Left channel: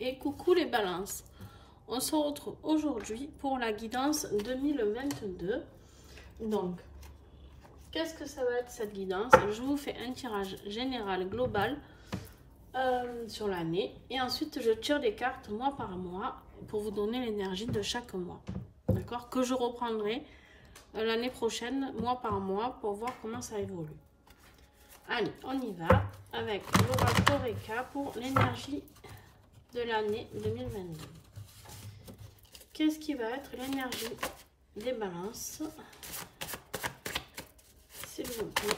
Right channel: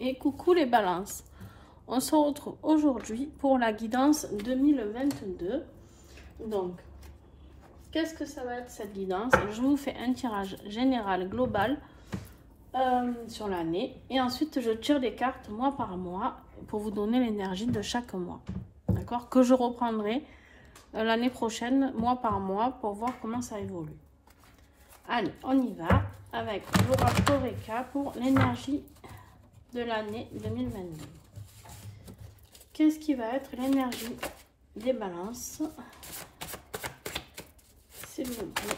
Et coucou les balances, on se retrouve aujourd'hui pour la guidance 2022. Donc, qu'est-ce que ça va être cette guidance? Je vous fais un tirage général global sur l'année et ensuite je tire des cartes mois par mois pour vous donner l'énergie de chaque mois. D'accord? Que je reprendrai l'année prochaine, mois par mois, pour voir comment ça évolue. Allez, on y va avec l'oracle Eureka pour l'énergie de l'année 2022. Qu'est-ce qui va être l'énergie des balances, s'il vous plaît,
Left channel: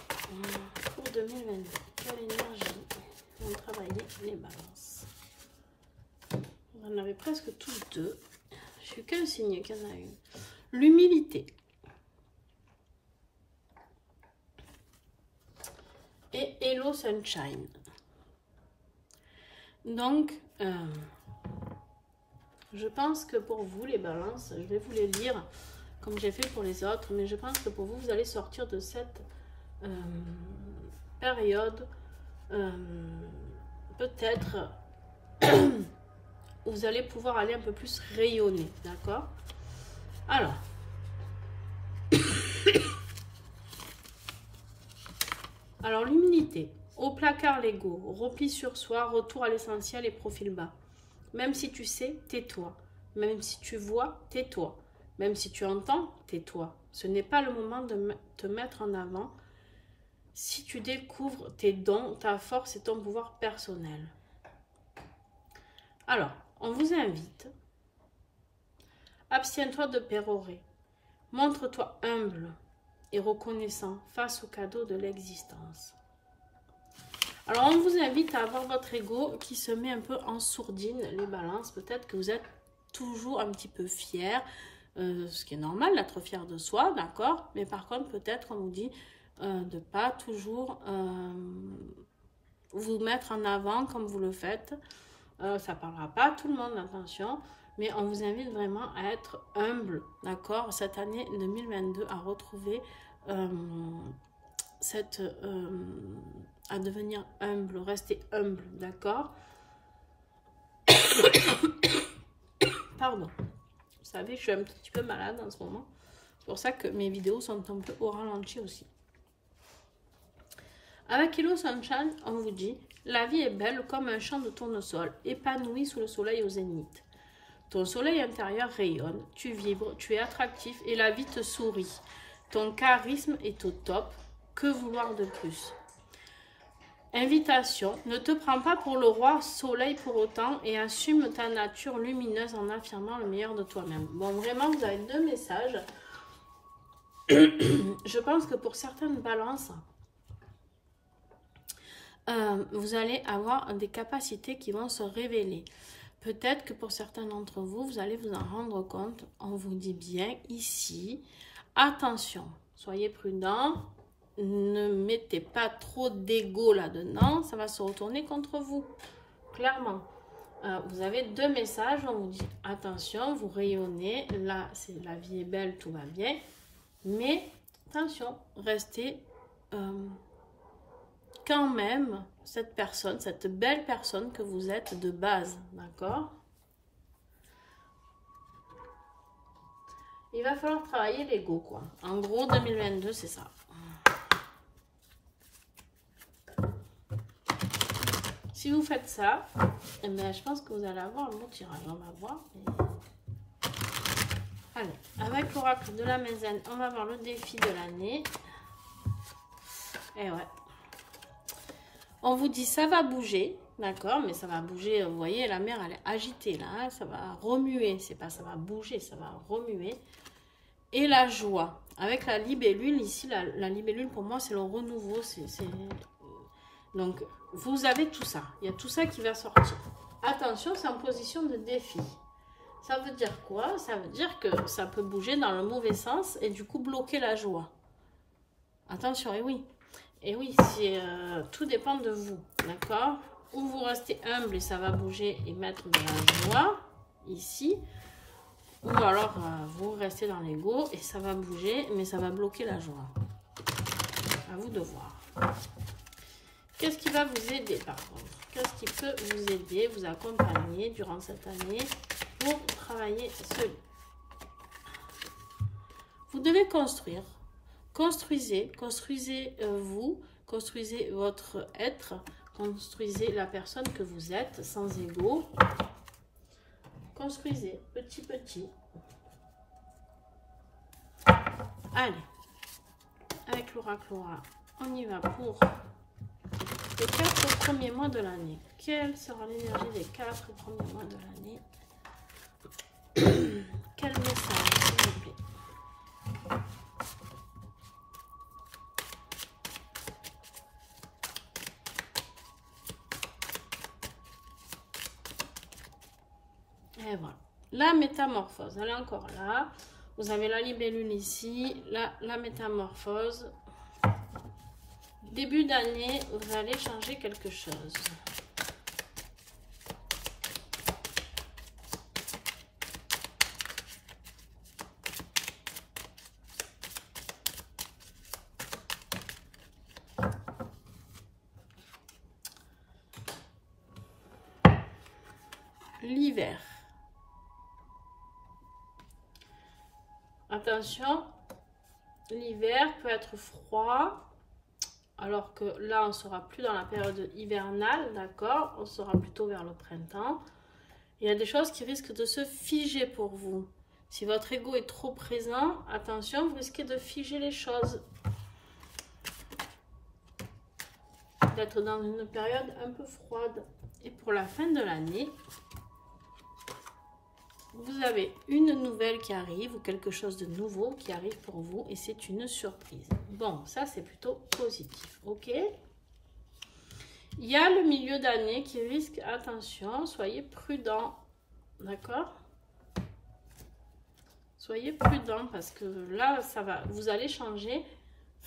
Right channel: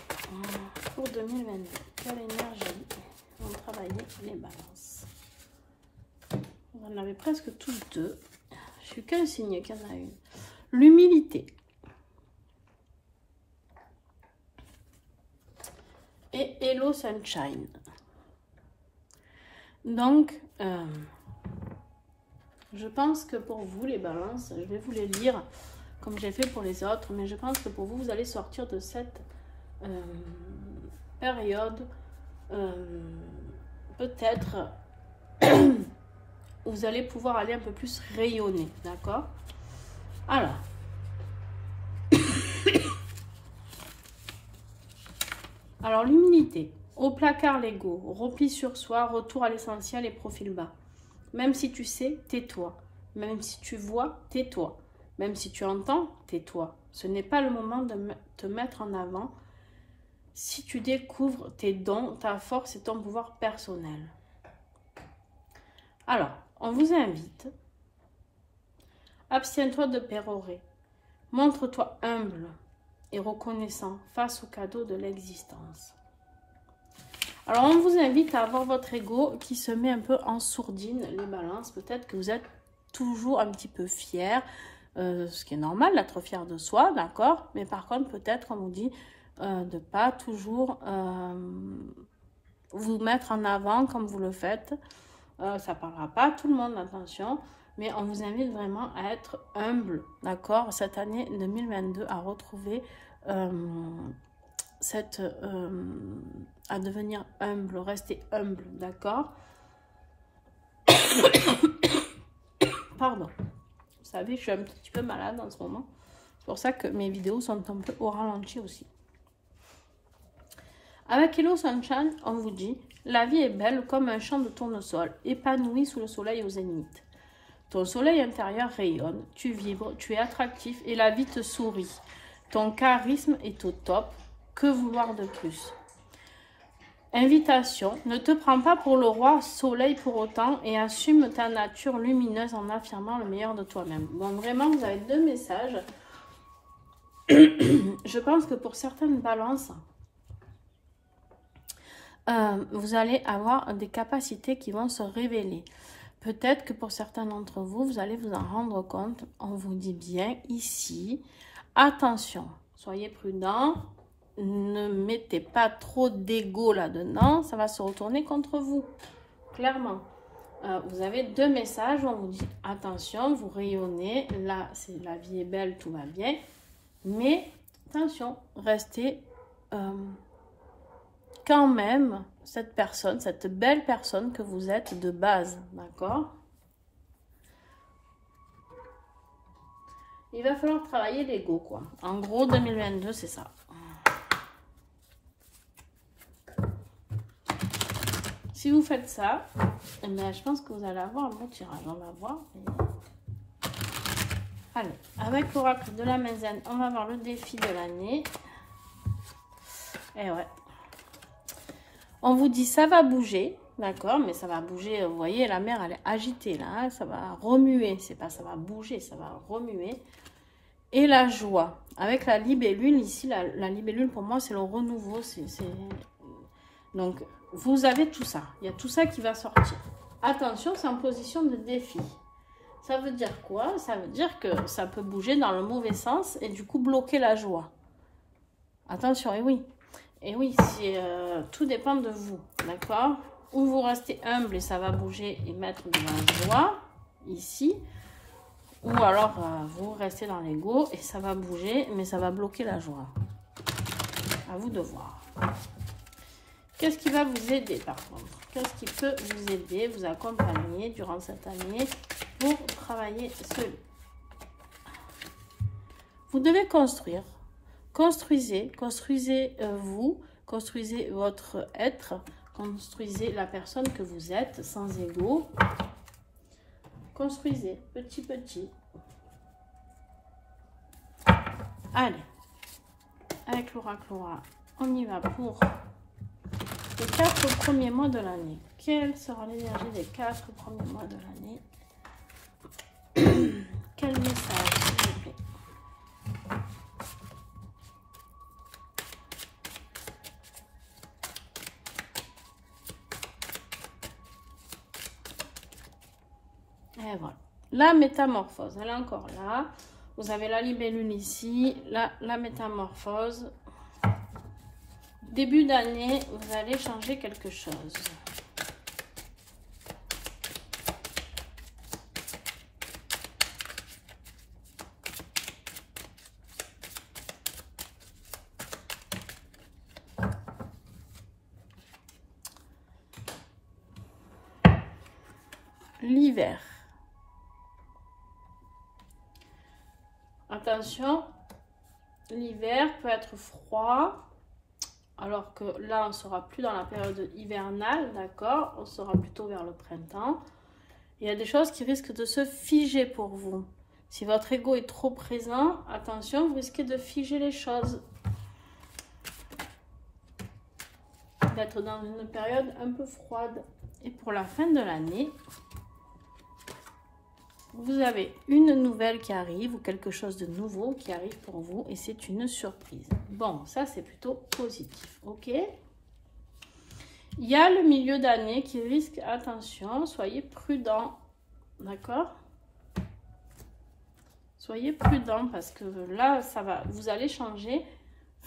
pour 2022? Quelle énergie vont travailler les balances? On en avait presque tous deux. Je suis qu'un signe qu'il y en a une. L'humilité. Et Hello Sunshine. Donc, je pense que pour vous, les balances, je vais vous les lire comme j'ai fait pour les autres, mais je pense que pour vous, vous allez sortir de cette période, peut-être, où vous allez pouvoir aller un peu plus rayonner, d'accord? Alors, l'humilité. Au placard l'ego, repli sur soi, retour à l'essentiel et profil bas. Même si tu sais, tais-toi. Même si tu vois, tais-toi. Même si tu entends, tais-toi. Ce n'est pas le moment de te mettre en avant si tu découvres tes dons, ta force et ton pouvoir personnel. Alors, on vous invite. Abstiens-toi de pérorer. Montre-toi humble et reconnaissant face au cadeau de l'existence. Alors, on vous invite à avoir votre ego qui se met un peu en sourdine, les balances. Peut-être que vous êtes toujours un petit peu fier, ce qui est normal d'être fier de soi, d'accord? Mais par contre, peut-être, on vous dit de ne pas toujours vous mettre en avant comme vous le faites. Ça ne parlera pas à tout le monde, attention. Mais on vous invite vraiment à être humble, d'accord? Cette année 2022, à retrouver à devenir humble, rester humble, d'accord? Pardon. Vous savez, je suis un petit peu malade en ce moment. C'est pour ça que mes vidéos sont un peu au ralenti aussi. Avec Hello Sunshine, on vous dit, la vie est belle comme un champ de tournesol, épanoui sous le soleil au zénith. Ton soleil intérieur rayonne, tu vibres, tu es attractif et la vie te sourit. Ton charisme est au top, que vouloir de plus? Invitation, ne te prends pas pour le roi soleil pour autant et assume ta nature lumineuse en affirmant le meilleur de toi-même. Bon, vraiment, vous avez deux messages. Je pense que pour certaines balances, vous allez avoir des capacités qui vont se révéler. Peut-être que pour certains d'entre vous, vous allez vous en rendre compte. On vous dit bien ici, attention, soyez prudents. Ne mettez pas trop d'ego là-dedans, ça va se retourner contre vous, clairement. Vous avez deux messages, on vous dit attention, vous rayonnez, là, la vie est belle, tout va bien, mais attention, restez quand même cette personne, cette belle personne que vous êtes de base, d'accord? Il va falloir travailler l'ego, quoi. En gros, 2022, c'est ça. Si vous faites ça, eh bien, je pense que vous allez avoir un bon tirage. On va voir. Allez, avec l'oracle de la Mézène, on va voir le défi de l'année. Et ouais. On vous dit ça va bouger, d'accord, mais ça va bouger. Vous voyez, la mer, elle est agitée là. Hein, ça va remuer. C'est pas ça va bouger, ça va remuer. Et la joie. Avec la libellule, ici, la libellule, pour moi, c'est le renouveau. Donc, vous avez tout ça. Il y a tout ça qui va sortir. Attention, c'est en position de défi. Ça veut dire quoi? Ça veut dire que ça peut bouger dans le mauvais sens et du coup bloquer la joie. Attention, et oui. Et oui, tout dépend de vous. D'accord? Ou vous restez humble et ça va bouger et mettre de la joie ici. Ou alors, vous restez dans l'ego et ça va bouger, mais ça va bloquer la joie. À vous de voir. Qu'est-ce qui va vous aider par contre? qu'est-ce qui peut vous aider, vous accompagner durant cette année pour travailler ce livre. Vous devez construire. Construisez vous, construisez votre être, construisez la personne que vous êtes sans ego. Construisez petit petit. Allez, avec l'oracle, on y va pour les 4 premiers mois de l'année. Quelle sera l'énergie des 4 premiers mois de l'année? Quel message, s'il vous plaît? Et voilà. La métamorphose, elle est encore là. Vous avez la libellule ici, la métamorphose. Début d'année, vous allez changer quelque chose. L'hiver. Attention, l'hiver peut être froid, alors que là, on ne sera plus dans la période hivernale, d'accord? On sera plutôt vers le printemps. Il y a des choses qui risquent de se figer pour vous. Si votre ego est trop présent, attention, vous risquez de figer les choses. D'être dans une période un peu froide. Et pour la fin de l'année, vous avez une nouvelle qui arrive ou quelque chose de nouveau qui arrive pour vous et c'est une surprise. Bon, ça c'est plutôt positif, ok? Il y a le milieu d'année qui risque, attention, soyez prudent, d'accord? Soyez prudent parce que là, ça va, vous allez changer.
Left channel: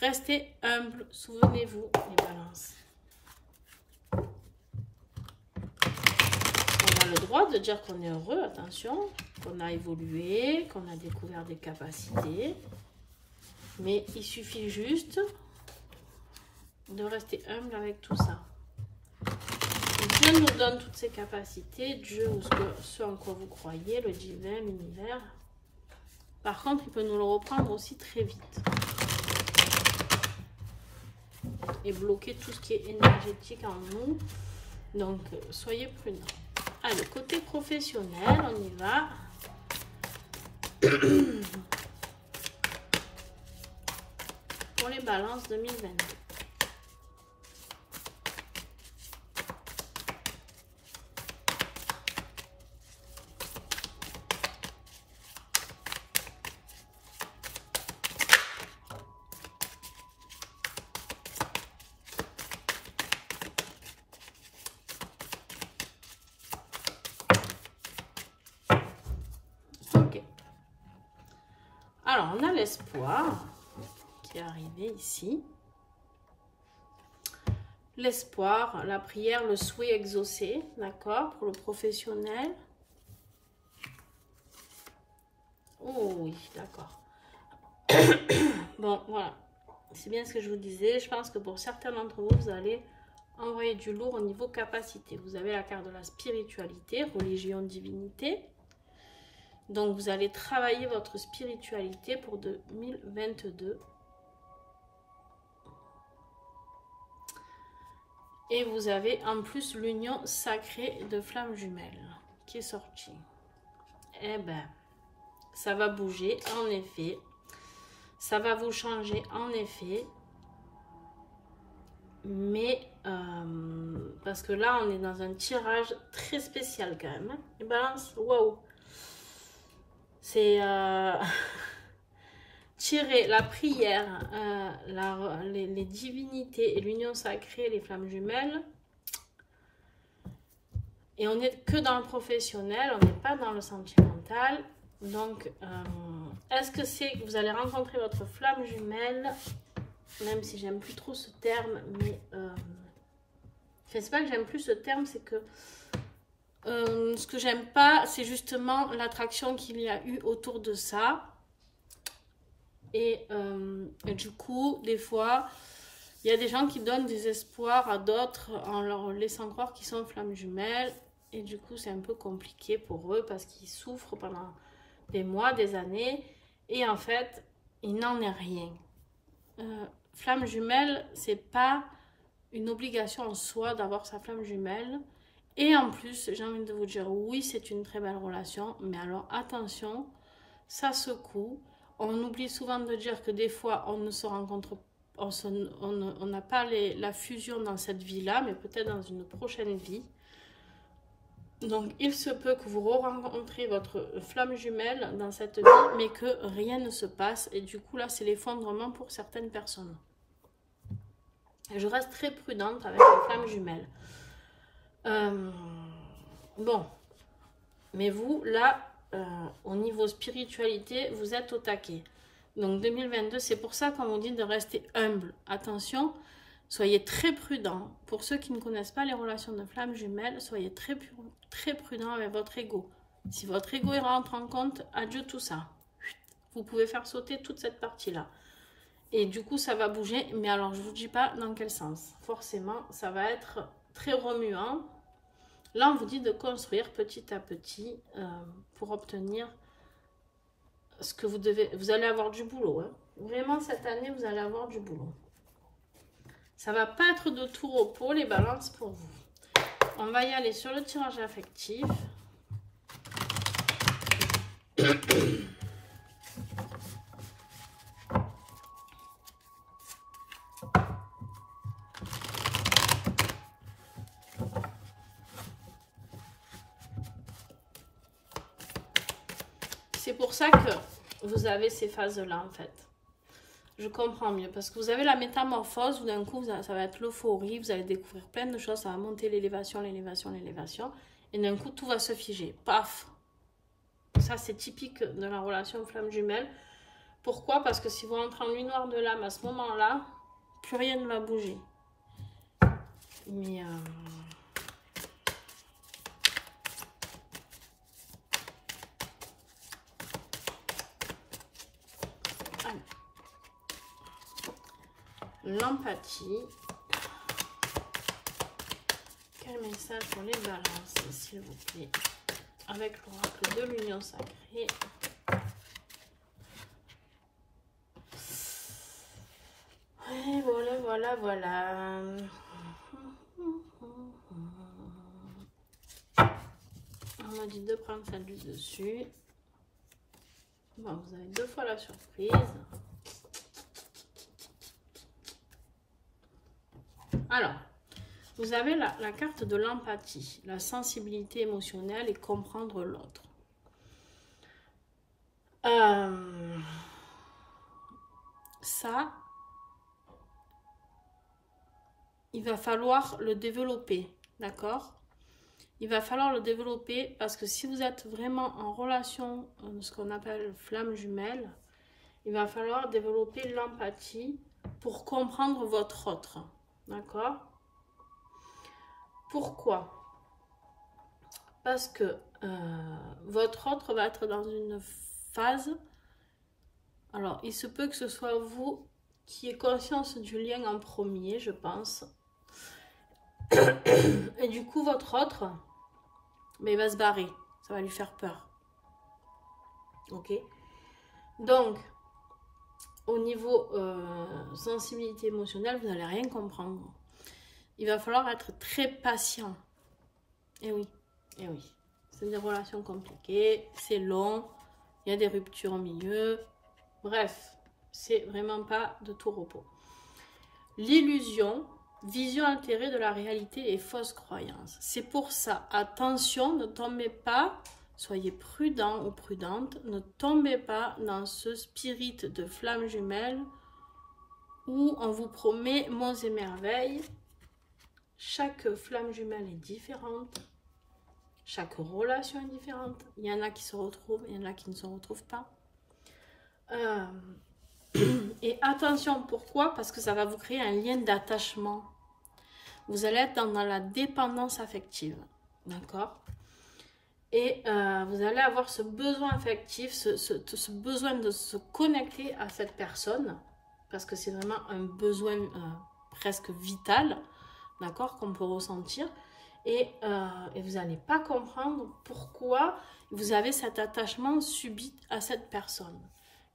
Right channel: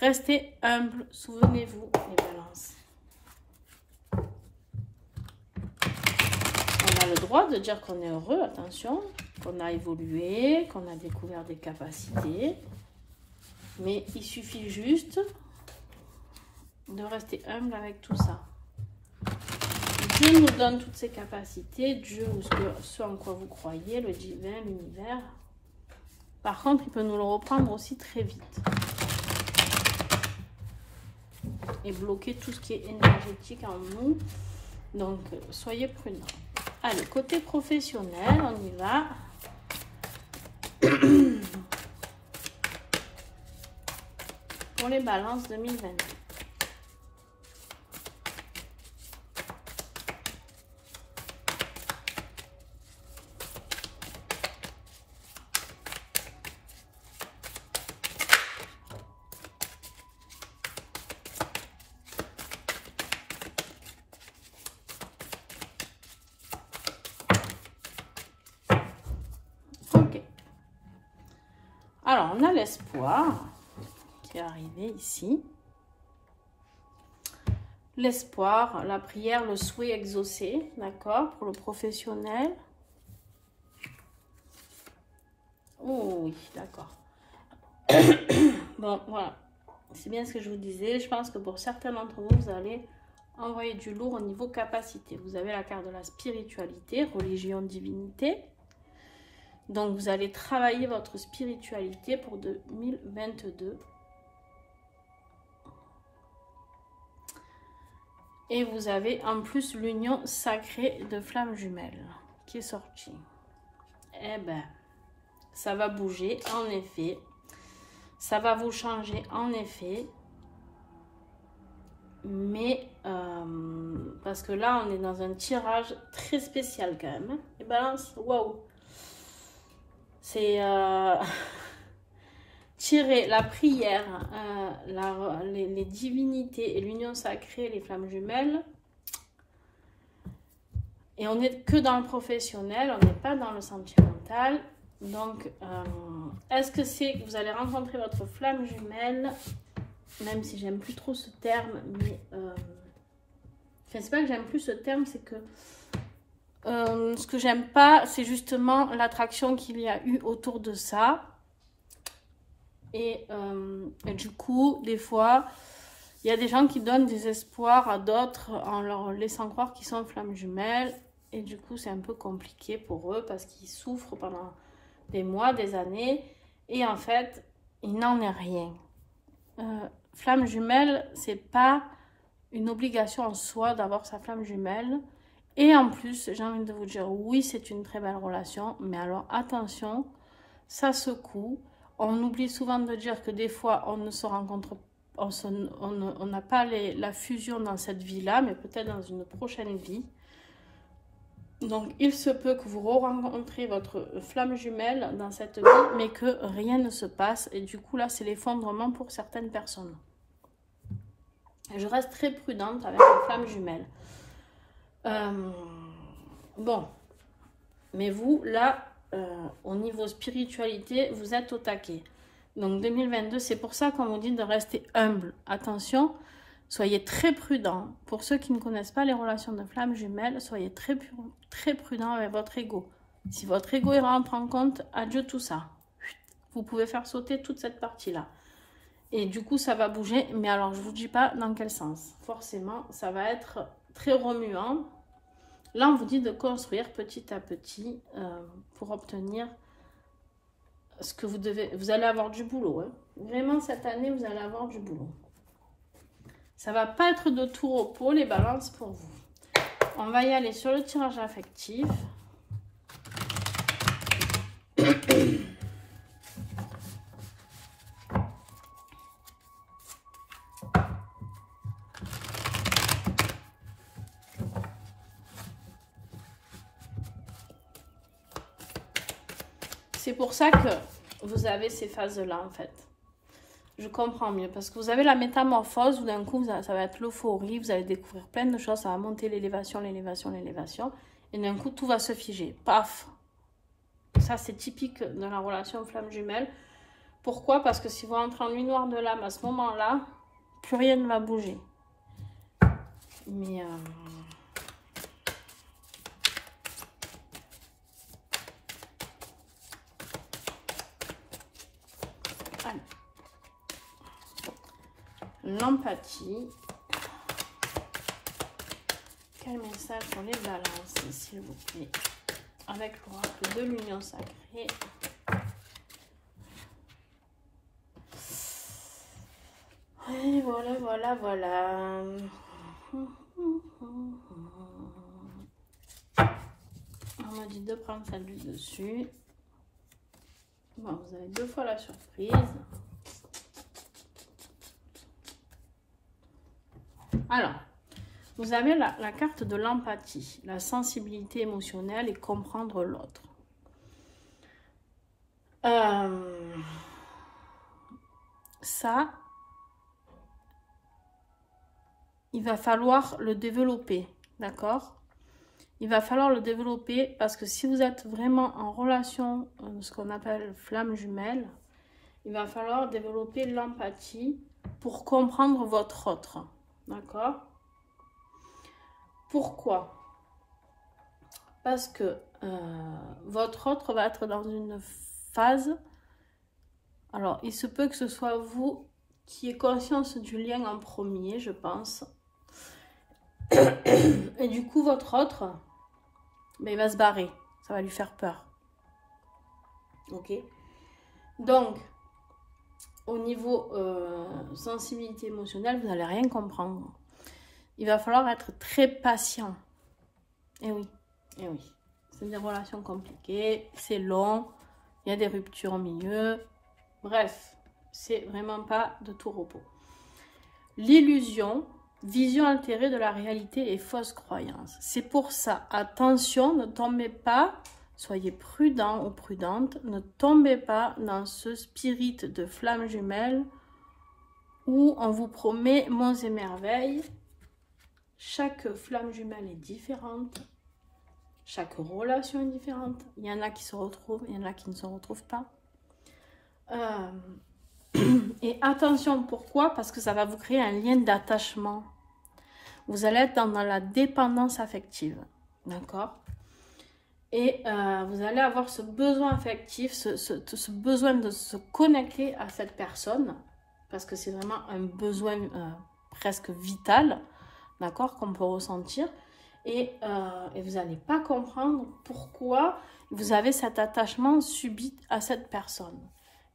Restez humble, souvenez-vous, les balances. On a le droit de dire qu'on est heureux, attention, qu'on a évolué, qu'on a découvert des capacités. Mais il suffit juste de rester humble avec tout ça. Dieu nous donne toutes ces capacités, Dieu ou ce en quoi vous croyez, le divin, l'univers. Par contre, il peut nous le reprendre aussi très vite. Et bloquer tout ce qui est énergétique en nous. Donc, soyez prudents. Allez, côté professionnel, on y va. Pour les balances 2022. Alors, on a l'espoir qui est arrivé ici. L'espoir, la prière, le souhait exaucé, d'accord, pour le professionnel. Oh oui, d'accord. Bon, voilà. C'est bien ce que je vous disais. Je pense que pour certains d'entre vous, vous allez envoyer du lourd au niveau capacité. Vous avez la carte de la spiritualité, religion, divinité. Donc, vous allez travailler votre spiritualité pour 2022. Et vous avez en plus l'union sacrée de flammes jumelles qui est sortie. Eh ben, ça va bouger, en effet. Ça va vous changer, en effet. Mais, parce que là, on est dans un tirage très spécial quand même. Hein. Et balance, waouh! C'est tirer la prière, les divinités et l'union sacrée, les flammes jumelles. Et on n'est que dans le professionnel, on n'est pas dans le sentimental. Donc, est-ce que c'est que vous allez rencontrer votre flamme jumelle, même si j'aime plus trop ce terme, mais c'est pas que j'aime plus ce terme, c'est que ce que j'aime pas, c'est justement l'attraction qu'il y a eu autour de ça. Et du coup, des fois, Il y a des gens qui donnent des espoirs à d'autres en leur laissant croire qu'ils sont flammes jumelles. Et du coup, c'est un peu compliqué pour eux parce qu'ils souffrent pendant des mois, des années. Et en fait, il n'en est rien. Flamme jumelle, c'est pas une obligation en soi d'avoir sa flamme jumelle. Et en plus, j'ai envie de vous dire, oui, c'est une très belle relation. Mais alors, attention, ça secoue. On oublie souvent de dire que des fois, on ne se rencontre pas. On n'a pas la fusion dans cette vie-là, mais peut-être dans une prochaine vie. Donc, il se peut que vous rencontrez votre flamme jumelle dans cette vie, mais que rien ne se passe. Et du coup, là, c'est l'effondrement pour certaines personnes. Et je reste très prudente avec les flammes jumelles. Bon. Mais vous, là, au niveau spiritualité, vous êtes au taquet. Donc 2022, c'est pour ça qu'on vous dit de rester humble. Attention, soyez très prudent. Pour ceux qui ne connaissent pas les relations de flammes jumelles, soyez très prudent avec votre ego. Si votre ego il rentre en compte, adieu tout ça. Vous pouvez faire sauter toute cette partie-là. Et du coup, ça va bouger. Mais alors, je ne vous dis pas dans quel sens. Forcément, ça va être très remuant. Là, on vous dit de construire petit à petit pour obtenir ce que vous devez. Vous allez avoir du boulot. Hein. Vraiment, cette année, vous allez avoir du boulot. Ça va pas être de tout repos, les balances pour vous. On va y aller sur le tirage affectif. C'est pour ça que vous avez ces phases-là, en fait. Je comprends mieux. Parce que vous avez la métamorphose, où d'un coup, ça va être l'euphorie. Vous allez découvrir plein de choses. Ça va monter l'élévation, l'élévation, l'élévation. Et d'un coup, tout va se figer. Paf! Ça, c'est typique de la relation flamme jumelle. Pourquoi? Parce que si vous rentrez en nuit noire de l'âme à ce moment-là, plus rien ne va bouger. Mais... l'empathie. Quel message sur les balances, s'il vous plaît, avec l'oracle de l'union sacrée. Et voilà. On m'a dit de prendre celle du dessus. Bon, vous avez 2 fois la surprise. Alors, vous avez la carte de l'empathie, la sensibilité émotionnelle et comprendre l'autre. Ça, il va falloir le développer, d'accord? Il va falloir le développer parce que si vous êtes vraiment en relation, ce qu'on appelle flamme jumelle, il va falloir développer l'empathie pour comprendre votre autre. D'accord? Pourquoi? Parce que votre autre va être dans une phase. Alors, il se peut que ce soit vous qui ayez conscience du lien en premier, je pense. Et du coup, votre autre, ben, il va se barrer. Ça va lui faire peur. Ok? Donc, au niveau sensibilité émotionnelle, vous n'allez rien comprendre. Il va falloir être très patient. Et oui. C'est des relations compliquées, c'est long, il y a des ruptures au milieu. Bref, c'est vraiment pas de tout repos. L'illusion, vision altérée de la réalité et fausse croyance. C'est pour ça, attention, ne tombez pas, soyez prudent ou prudente, ne tombez pas dans ce spirit de flamme jumelle où on vous promet monts et merveilles. Chaque flamme jumelle est différente. Chaque relation est différente. Il y en a qui se retrouvent, il y en a qui ne se retrouvent pas. Et attention, pourquoi? Parce que ça va vous créer un lien d'attachement. Vous allez être dans la dépendance affective. D'accord? Et vous allez avoir ce besoin affectif, ce besoin de se connecter à cette personne. Parce que c'est vraiment un besoin presque vital, d'accord, qu'on peut ressentir. Et vous n'allez pas comprendre pourquoi vous avez cet attachement subit à cette personne.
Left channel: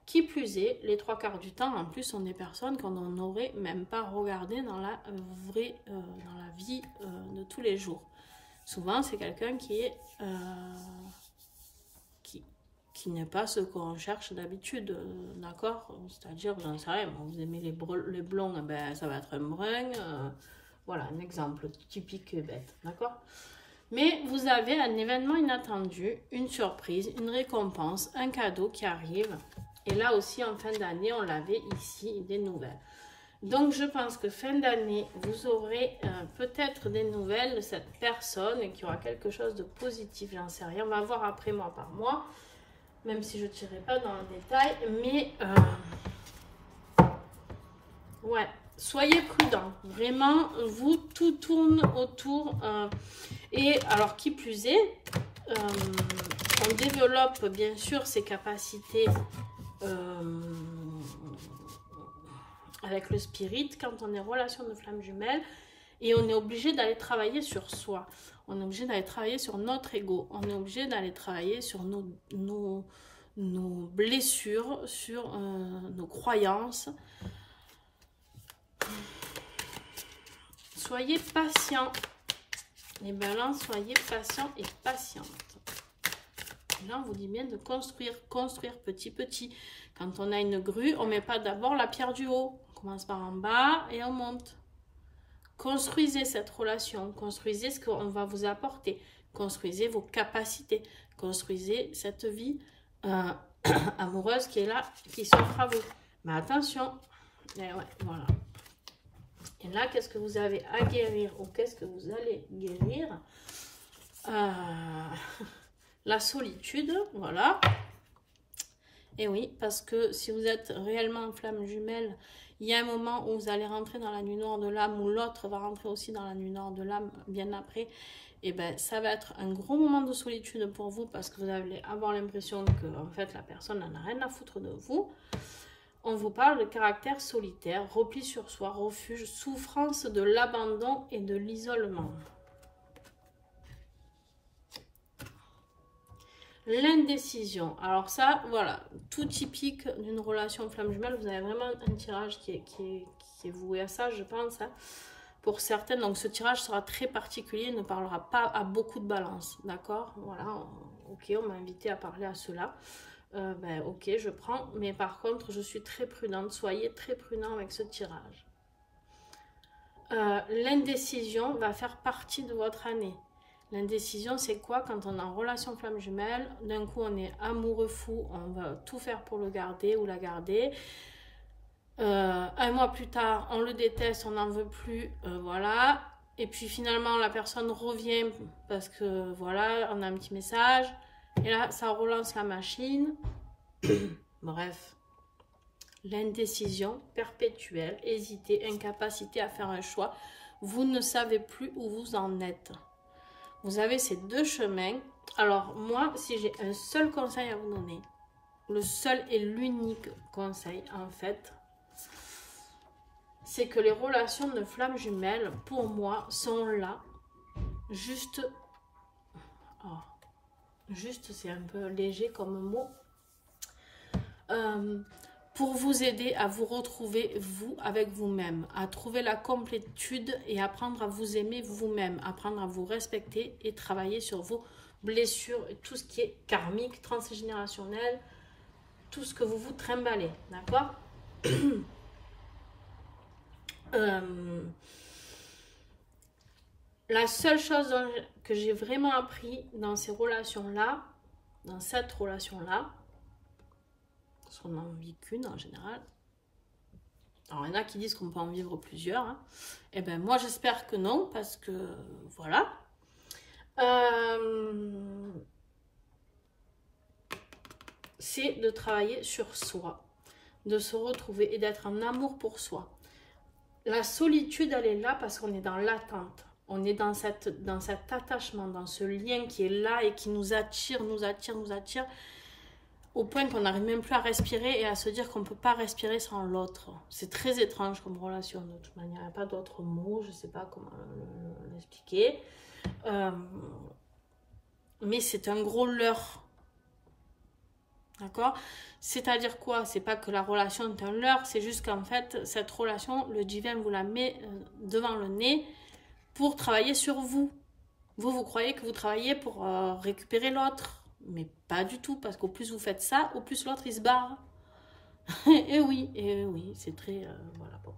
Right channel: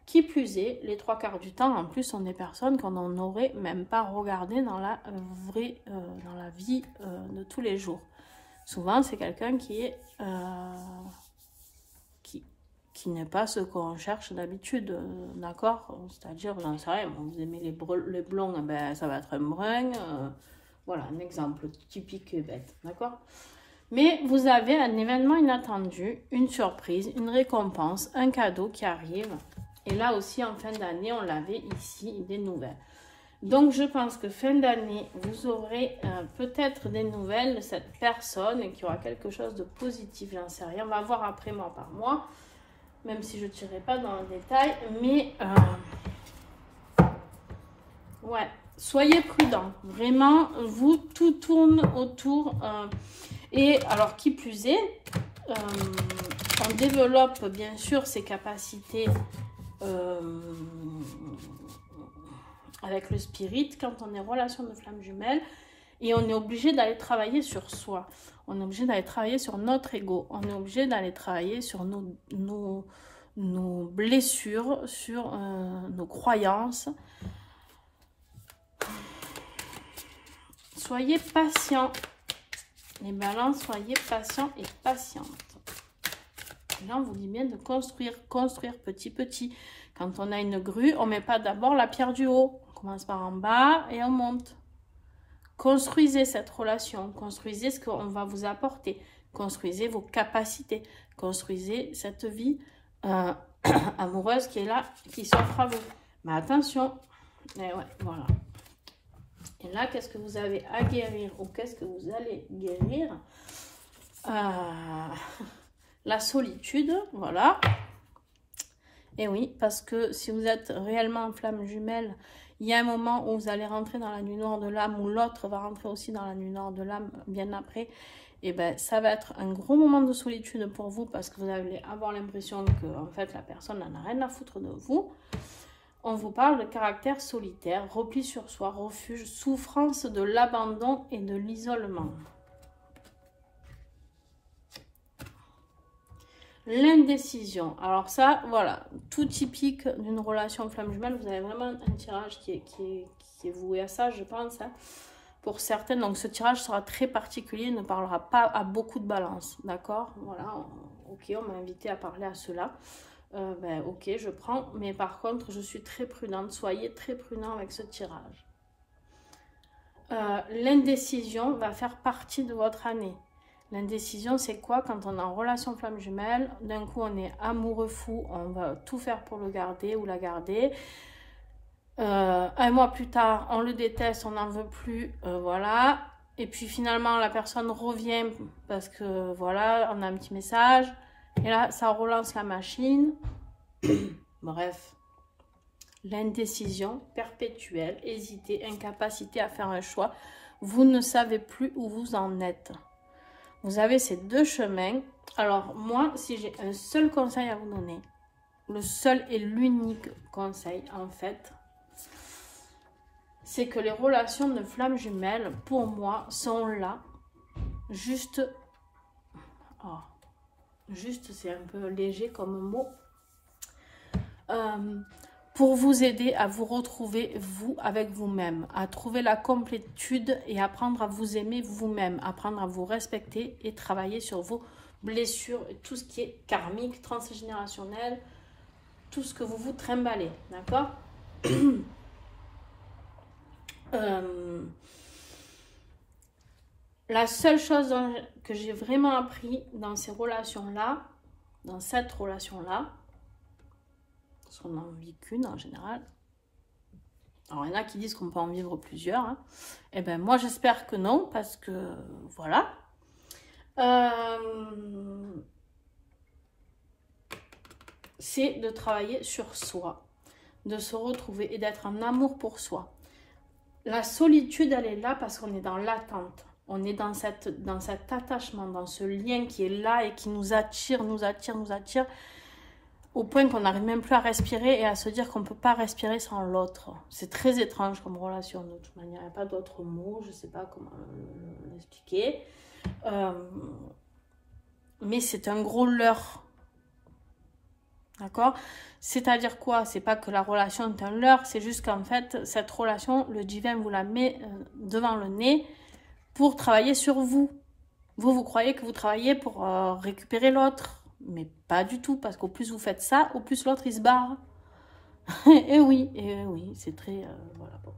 Qui plus est, les 3/4 du temps, en plus, sont des personnes qu'on n'aurait même pas regardées dans la vraie, dans la vie de tous les jours. Souvent, c'est quelqu'un qui est qui n'est pas ce qu'on cherche d'habitude, d'accord? C'est-à-dire, j'en sais rien, vous aimez les blonds, ben, ça va être un brun. Voilà, un exemple typique et bête, d'accord? Mais vous avez un événement inattendu, une surprise, une récompense, un cadeau qui arrive. Et là aussi, en fin d'année, on l'avait ici, des nouvelles. Donc, je pense que fin d'année, vous aurez peut-être des nouvelles de cette personne et qu'il y aura quelque chose de positif, j'en sais rien. On va voir après mois par mois, même si je ne tirerai pas dans le détail. Mais, ouais, soyez prudents. Vraiment, vous, tout tourne autour. Et alors, qui plus est, on développe bien sûr ses capacités avec le spirit quand on est en relation de flamme jumelle, et on est obligé d'aller travailler sur soi, on est obligé d'aller travailler sur notre ego, on est obligé d'aller travailler sur nos blessures, sur nos croyances. Soyez patients, les balances, soyez patients et patientes. Et là, on vous dit bien de construire petit petit. Quand on a une grue, on ne met pas d'abord la pierre du haut. On commence par en bas et on monte. Construisez cette relation. Construisez ce qu'on va vous apporter. Construisez vos capacités. Construisez cette vie amoureuse qui est là, qui s'offre à vous. Mais attention. Et ouais, voilà. Et là, qu'est-ce que vous avez à guérir ou qu'est-ce que vous allez guérir? La solitude, voilà. Et oui, parce que si vous êtes réellement en flamme jumelle, il y a un moment où vous allez rentrer dans la nuit noire de l'âme, où l'autre va rentrer aussi dans la nuit noire de l'âme bien après. Et bien, ça va être un gros moment de solitude pour vous, parce que vous allez avoir l'impression que, en fait, la personne n'en a rien à foutre de vous. On vous parle de caractère solitaire, repli sur soi, refuge, souffrance de l'abandon et de l'isolement. L'indécision. Alors ça, voilà, tout typique d'une relation flamme jumelle. Vous avez vraiment un tirage qui est voué à ça, je pense, hein, pour certaines. Donc ce tirage sera très particulier, ne parlera pas à beaucoup de balance, d'accord? Voilà, ok, on m'a invité à parler à cela. Ben, ok, je prends, mais par contre, je suis très prudente. Soyez très prudent avec ce tirage. L'indécision va faire partie de votre année. L'indécision, c'est quoi? Quand on est en relation flamme jumelle, d'un coup, on est amoureux fou, on va tout faire pour le garder ou la garder. Un mois plus tard, on le déteste, on n'en veut plus, voilà. Et puis finalement, la personne revient parce que, voilà, on a un petit message. Et là, ça relance la machine. Bref. L'indécision perpétuelle, hésiter, incapacité à faire un choix. Vous ne savez plus où vous en êtes. Vous avez ces deux chemins. Alors, moi, si j'ai un seul conseil à vous donner, le seul et l'unique conseil, en fait, c'est que les relations de flamme jumelle, pour moi, sont là, juste... Oh, juste, c'est un peu léger comme mot. Pour vous aider à vous retrouver, vous, avec vous-même, à trouver la complétude et apprendre à vous aimer vous-même, apprendre à vous respecter et travailler sur vos blessures, et tout ce qui est karmique, transgénérationnel, tout ce que vous vous trimballez, d'accord? La seule chose que j'ai vraiment appris dans ces relations-là, dans cette relation-là, parce qu'on n'en vit qu'une en général. Alors, il y en a qui disent qu'on peut en vivre plusieurs. Hein. Eh bien, moi, j'espère que non, parce que, voilà. C'est de travailler sur soi, de se retrouver et d'être en amour pour soi. La solitude, elle est là parce qu'on est dans l'attente. On est dans cet attachement, dans ce lien qui est là et qui nous attire, nous attire, nous attire. au point qu'on n'arrive même plus à respirer et à se dire qu'on ne peut pas respirer sans l'autre. C'est très étrange comme relation de toute manière. Il n'y a pas d'autres mots, je ne sais pas comment l'expliquer. Mais c'est un gros leurre. D'accord? C'est-à-dire quoi? C'est pas que la relation est un leurre, c'est juste qu'en fait, cette relation, le divin vous la met devant le nez pour travailler sur vous. Vous croyez que vous travaillez pour récupérer l'autre. Mais pas du tout, parce qu'au plus vous faites ça, au plus l'autre, il se barre. et oui, c'est très... voilà, bon.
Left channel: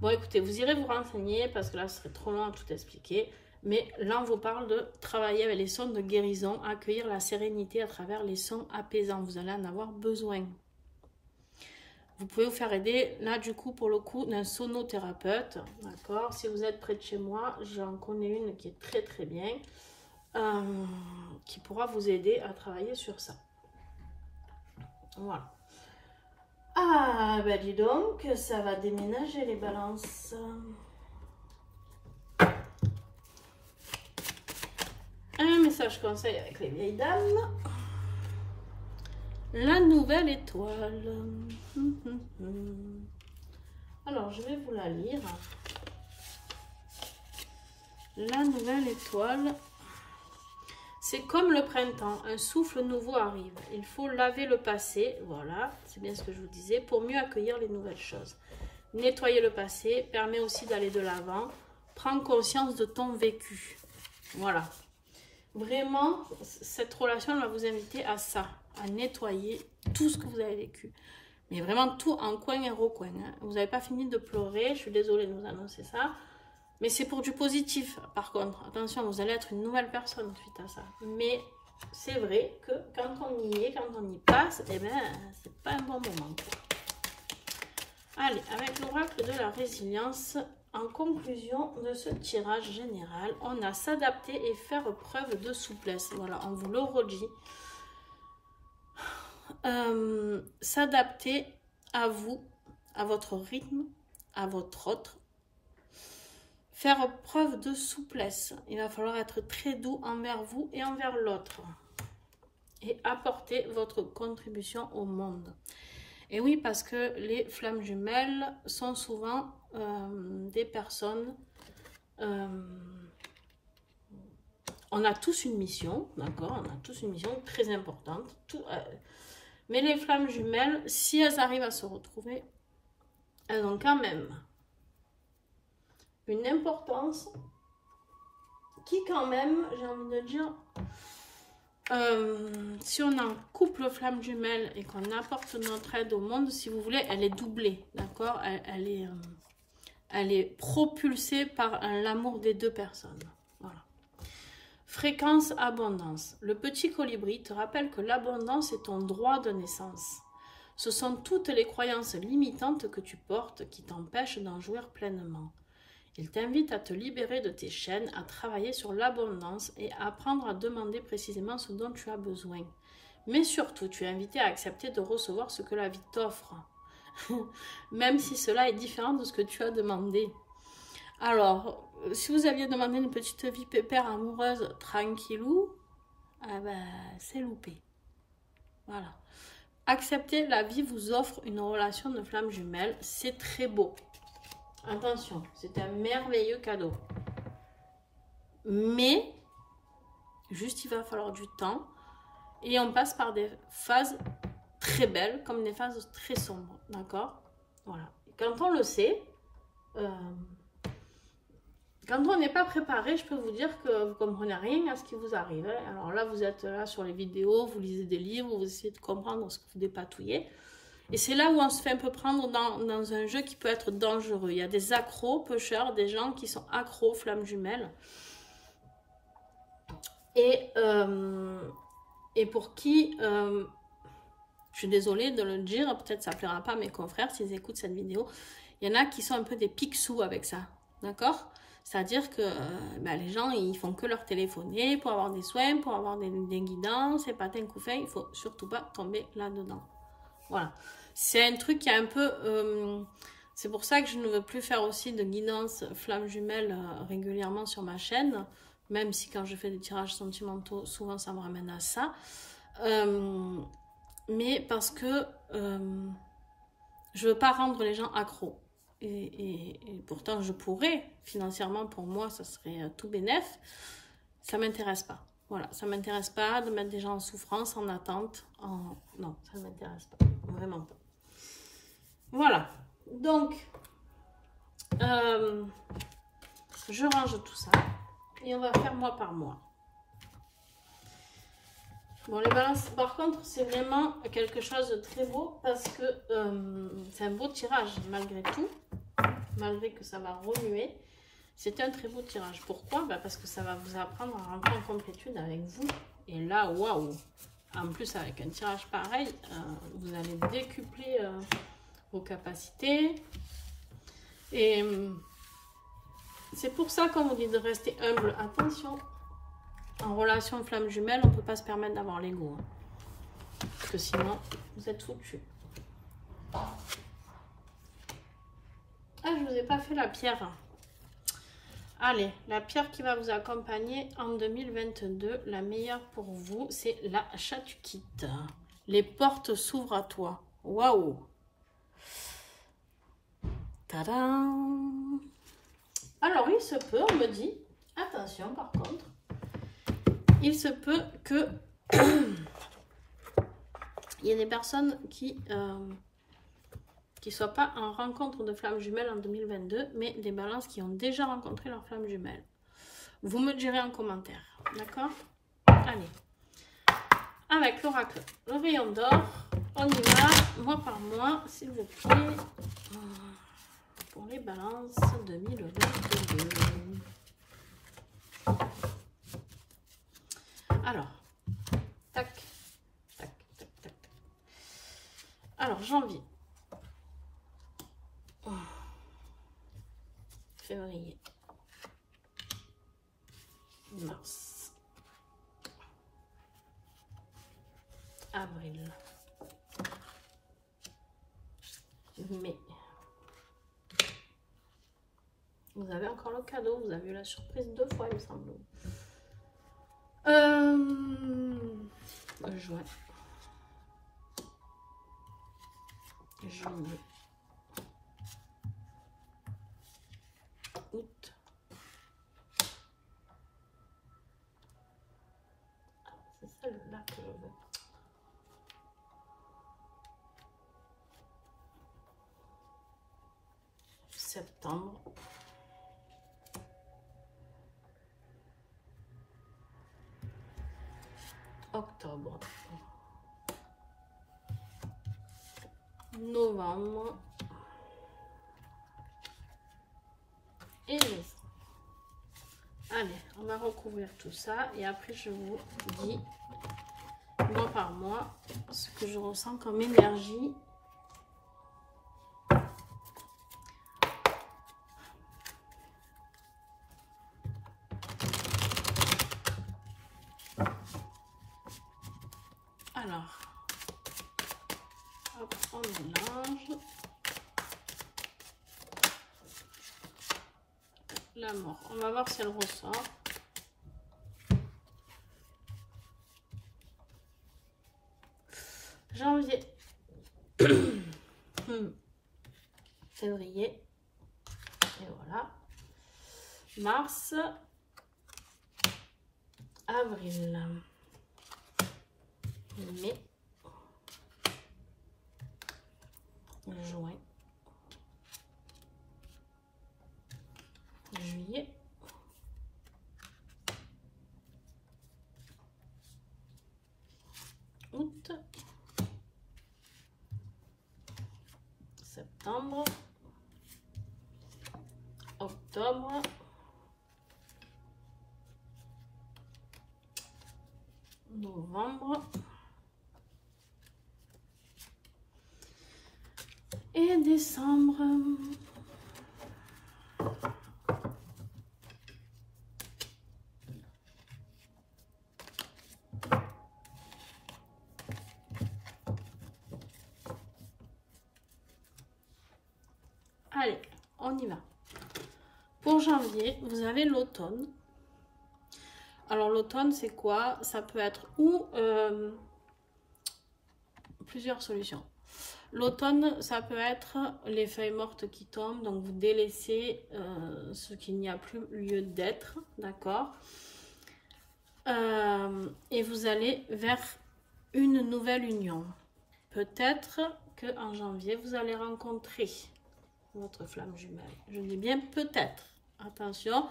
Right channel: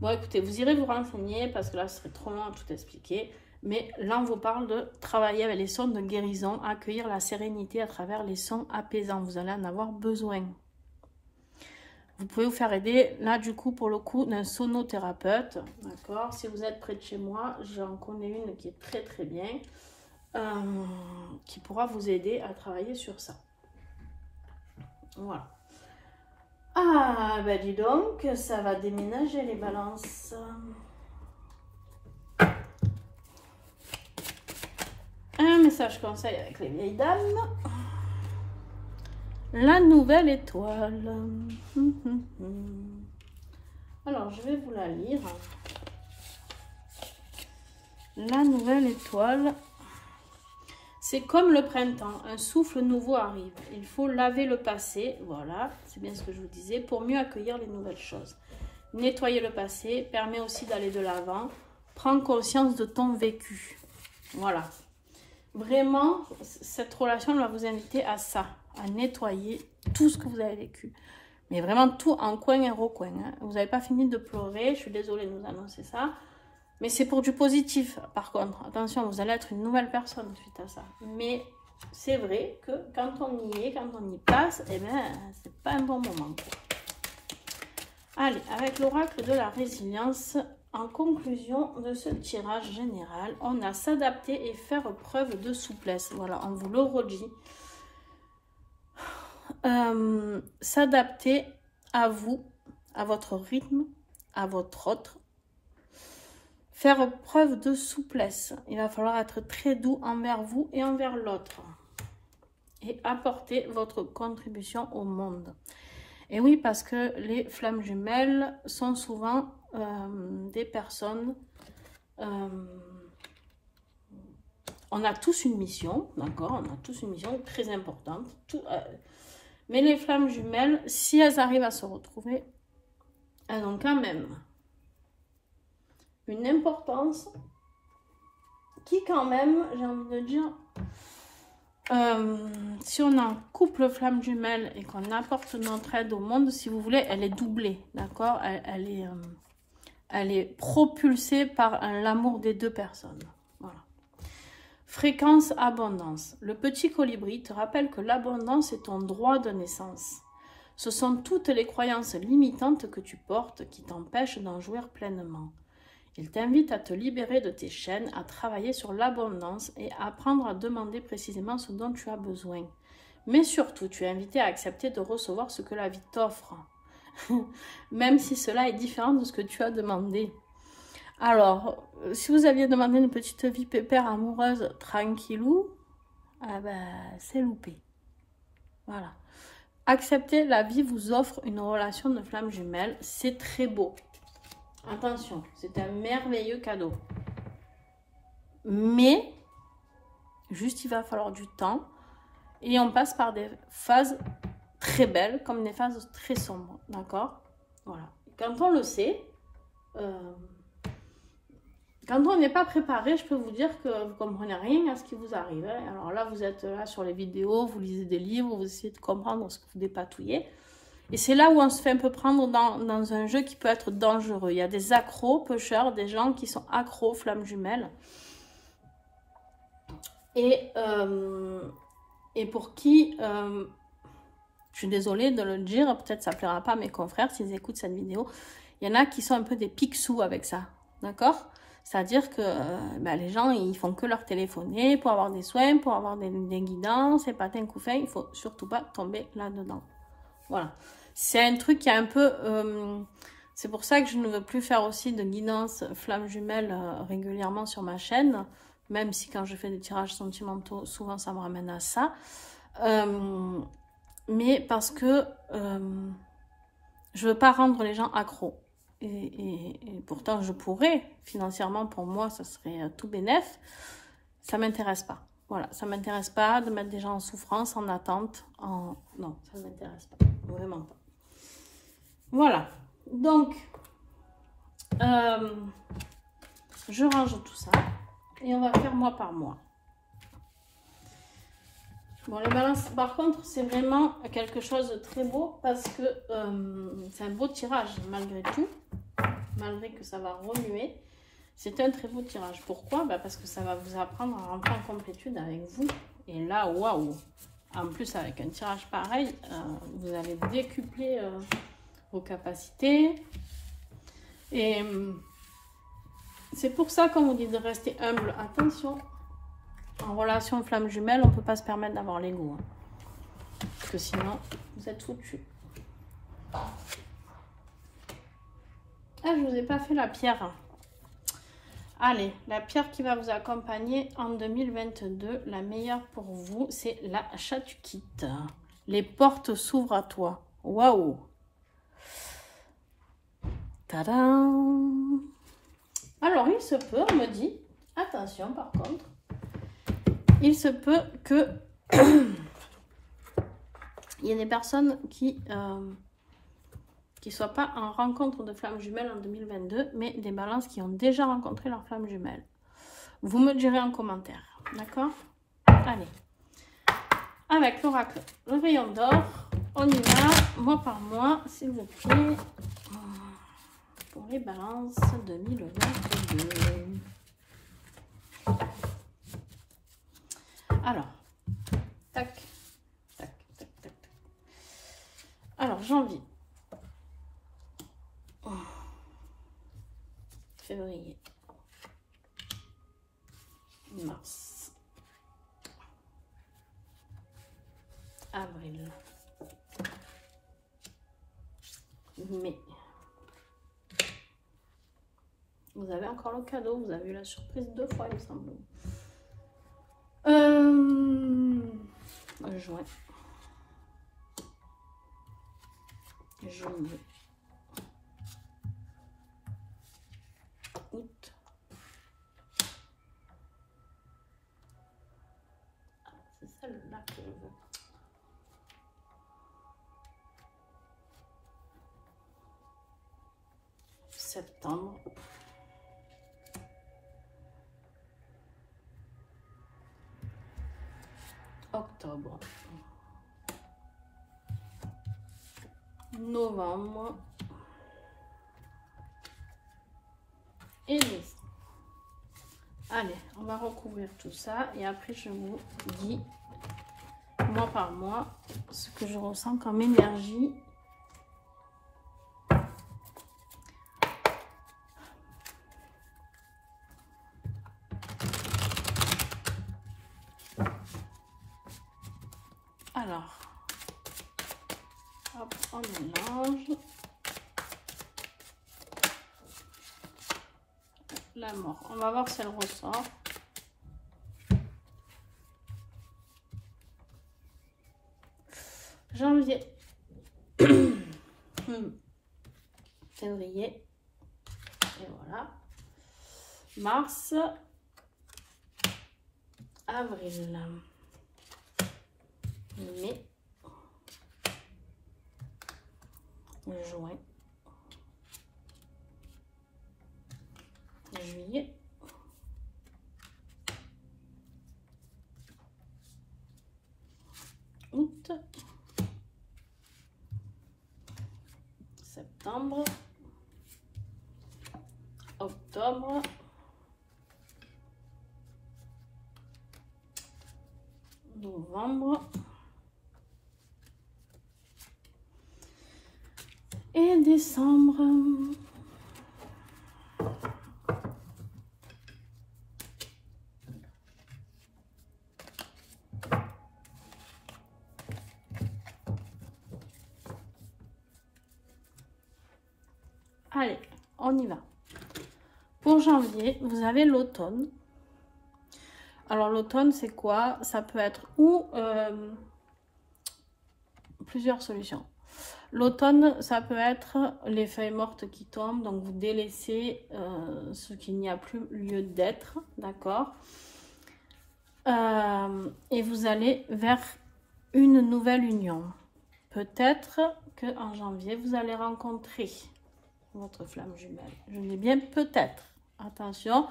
Bon, écoutez, vous irez vous renseigner, parce que là, ce serait trop long à tout expliquer. Mais là, on vous parle de travailler avec les sons de guérison, accueillir la sérénité à travers les sons apaisants. Vous allez en avoir besoin. Vous pouvez vous faire aider, là, du coup, pour le coup, d'un sonothérapeute. D'accord? Si vous êtes près de chez moi, j'en connais une qui est très, très bien. Qui pourra vous aider à travailler sur ça. Voilà. Ah, ben dis donc, ça va déménager les balances. Un message conseil avec les vieilles dames. La nouvelle étoile. Alors, je vais vous la lire. La nouvelle étoile. C'est comme le printemps, un souffle nouveau arrive. Il faut laver le passé, voilà, c'est bien ce que je vous disais, pour mieux accueillir les nouvelles choses. Nettoyer le passé permet aussi d'aller de l'avant. Prends conscience de ton vécu. Voilà. Vraiment, cette relation va vous inviter à ça, à nettoyer tout ce que vous avez vécu. Mais vraiment tout en coin et recoin. Hein. Vous n'avez pas fini de pleurer, je suis désolée de vous annoncer ça. Mais c'est pour du positif, par contre. Attention, vous allez être une nouvelle personne suite à ça. Mais c'est vrai que quand on y est, quand on y passe, eh bien, c'est pas un bon moment. Allez, avec l'oracle de la résilience, en conclusion de ce tirage général, on a s'adapter et faire preuve de souplesse. Voilà, on vous le redit. S'adapter à vous, à votre rythme, à votre autre. Faire preuve de souplesse. Il va falloir être très doux envers vous et envers l'autre. Et apporter votre contribution au monde. Et oui, parce que les flammes jumelles sont souvent des personnes... on a tous une mission, d'accord? On a tous une mission très importante. Mais les flammes jumelles, si elles arrivent à se retrouver, elles ont quand même... une importance qui quand même, j'ai envie de dire, si on a un couple flamme jumelle et qu'on apporte notre aide au monde, si vous voulez, elle est doublée, d'accord? Elle est propulsée par l'amour des deux personnes. Voilà. Fréquence abondance. Le petit colibri te rappelle que l'abondance est ton droit de naissance. Ce sont toutes les croyances limitantes que tu portes qui t'empêchent d'en jouir pleinement. Il t'invite à te libérer de tes chaînes, à travailler sur l'abondance et à apprendre à demander précisément ce dont tu as besoin. Mais surtout, tu es invité à accepter de recevoir ce que la vie t'offre, même si cela est différent de ce que tu as demandé. Alors, si vous aviez demandé une petite vie pépère amoureuse tranquillou, ah ben, c'est loupé. Voilà. Accepter la vie vous offre une relation de flamme jumelle, c'est très beau. Attention, c'est un merveilleux cadeau. Mais, juste il va falloir du temps. Et on passe par des phases très belles, comme des phases très sombres. D'accord? Voilà. Et quand on le sait, quand on n'est pas préparé, je peux vous dire que vous ne comprenez rien à ce qui vous arrive. Alors là, vous êtes là sur les vidéos, vous lisez des livres, vous essayez de comprendre ce que vous dépatouillez. Et c'est là où on se fait un peu prendre dans un jeu qui peut être dangereux. Il y a des accros, pêcheurs, des gens qui sont accros, flammes jumelles. Et pour qui, je suis désolée de le dire, peut-être ça ne plaira pas à mes confrères s'ils écoutent cette vidéo, il y en a qui sont un peu des pique-sous avec ça. D'accord? C'est-à-dire que les gens, ils font que leur téléphoner pour avoir des soins, pour avoir des guidances, et patin couffin, il ne faut surtout pas tomber là-dedans. Voilà. C'est un truc qui est un peu... c'est pour ça que je ne veux plus faire aussi de guidance flamme jumelle régulièrement sur ma chaîne. Même si quand je fais des tirages sentimentaux, souvent ça me ramène à ça. mais parce que je veux pas rendre les gens accros. Et pourtant, je pourrais, financièrement, pour moi, ça serait tout bénef. Ça m'intéresse pas. Voilà, ça m'intéresse pas de mettre des gens en souffrance, en attente. Non, ça ne m'intéresse pas. Vraiment pas. Voilà. Donc, je range tout ça. Et on va faire mois par mois. Bon, les balances, par contre, c'est vraiment quelque chose de très beau parce que c'est un beau tirage malgré tout. Malgré que ça va remuer. C'est un très beau tirage. Pourquoi? Parce que ça va vous apprendre à rentrer en complétude avec vous. Et là, waouh! En plus, avec un tirage pareil, vous allez décupler vos capacités. Et c'est pour ça qu'on vous dit de rester humble. Attention, en relation flamme jumelle, on ne peut pas se permettre d'avoir l'ego. Hein. Parce que sinon, vous êtes foutus. Ah, je ne vous ai pas fait la pierre. Allez, la pierre qui va vous accompagner en 2022, la meilleure pour vous, c'est la chatukite. Les portes s'ouvrent à toi. Waouh! Tadam! Alors, il se peut, on me dit, attention par contre, il se peut que il y ait des personnes qui soient pas en rencontre de flammes jumelles en 2022, mais des balances qui ont déjà rencontré leur flamme jumelle. Vous me direz en commentaire, d'accord? Allez, avec l'oracle, le rayon d'or, on y va, mois par mois, s'il vous plaît, pour les balances 2022. Alors, tac, tac, tac, tac. Alors, janvier. Février, mars, avril, mai. Vous avez encore le cadeau, vous avez eu la surprise 2 fois, il me semble. Juin, juillet. Août, c'est celle-là que je veux. Septembre, octobre, novembre et décembre. Allez, on va recouvrir tout ça et après je vous dis mois par mois ce que je ressens comme énergie. Alors, hop, on mélange. La mort. On va voir si elle ressort. Janvier. Février. Et voilà. Mars. Avril. Mai. Juin. Juillet. Août. Septembre. Octobre. Novembre. Et décembre. Allez, on y va. Pour janvier, vous avez l'automne. Alors l'automne, c'est quoi? Ça peut être ou plusieurs solutions. L'automne, ça peut être les feuilles mortes qui tombent, donc vous délaissez ce qu'il n'y a plus lieu d'être, d'accord? Et vous allez vers une nouvelle union. Peut-être qu'en janvier, vous allez rencontrer votre flamme jumelle. Je dis bien peut-être. Attention,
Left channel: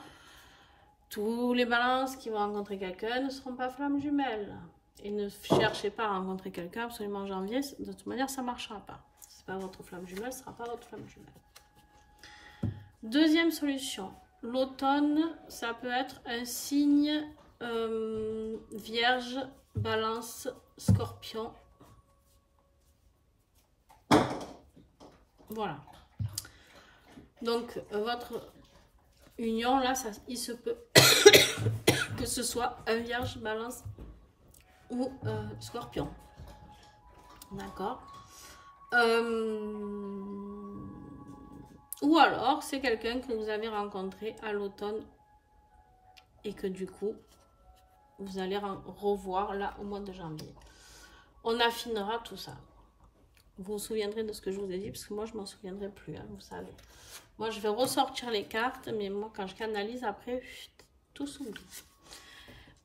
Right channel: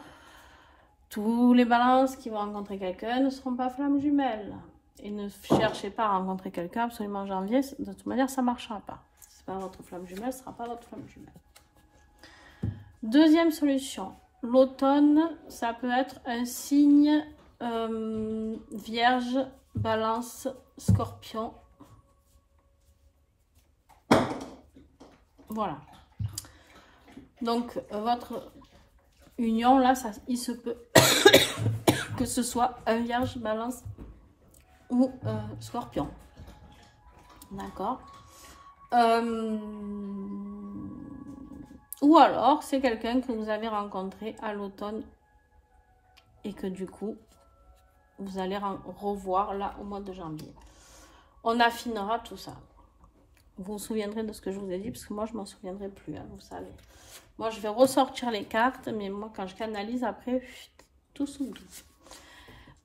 tous les balances qui vont rencontrer quelqu'un ne seront pas flammes jumelles. Et ne cherchez pas à rencontrer quelqu'un absolument en janvier. De toute manière, ça ne marchera pas. Si ce n'est pas votre flamme jumelle, ce ne sera pas votre flamme jumelle. Deuxième solution. L'automne, ça peut être un signe Vierge, Balance, Scorpion. Voilà. Donc, votre union, là, ça, il se peut que ce soit un Vierge, Balance ou Scorpion. D'accord. Ou alors, c'est quelqu'un que vous avez rencontré à l'automne et que du coup, vous allez revoir là au mois de janvier. On affinera tout ça. Vous vous souviendrez de ce que je vous ai dit, parce que moi, je ne m'en souviendrai plus, hein, vous savez. Moi, je vais ressortir les cartes, mais moi, quand je canalise, après, tout s'oublie.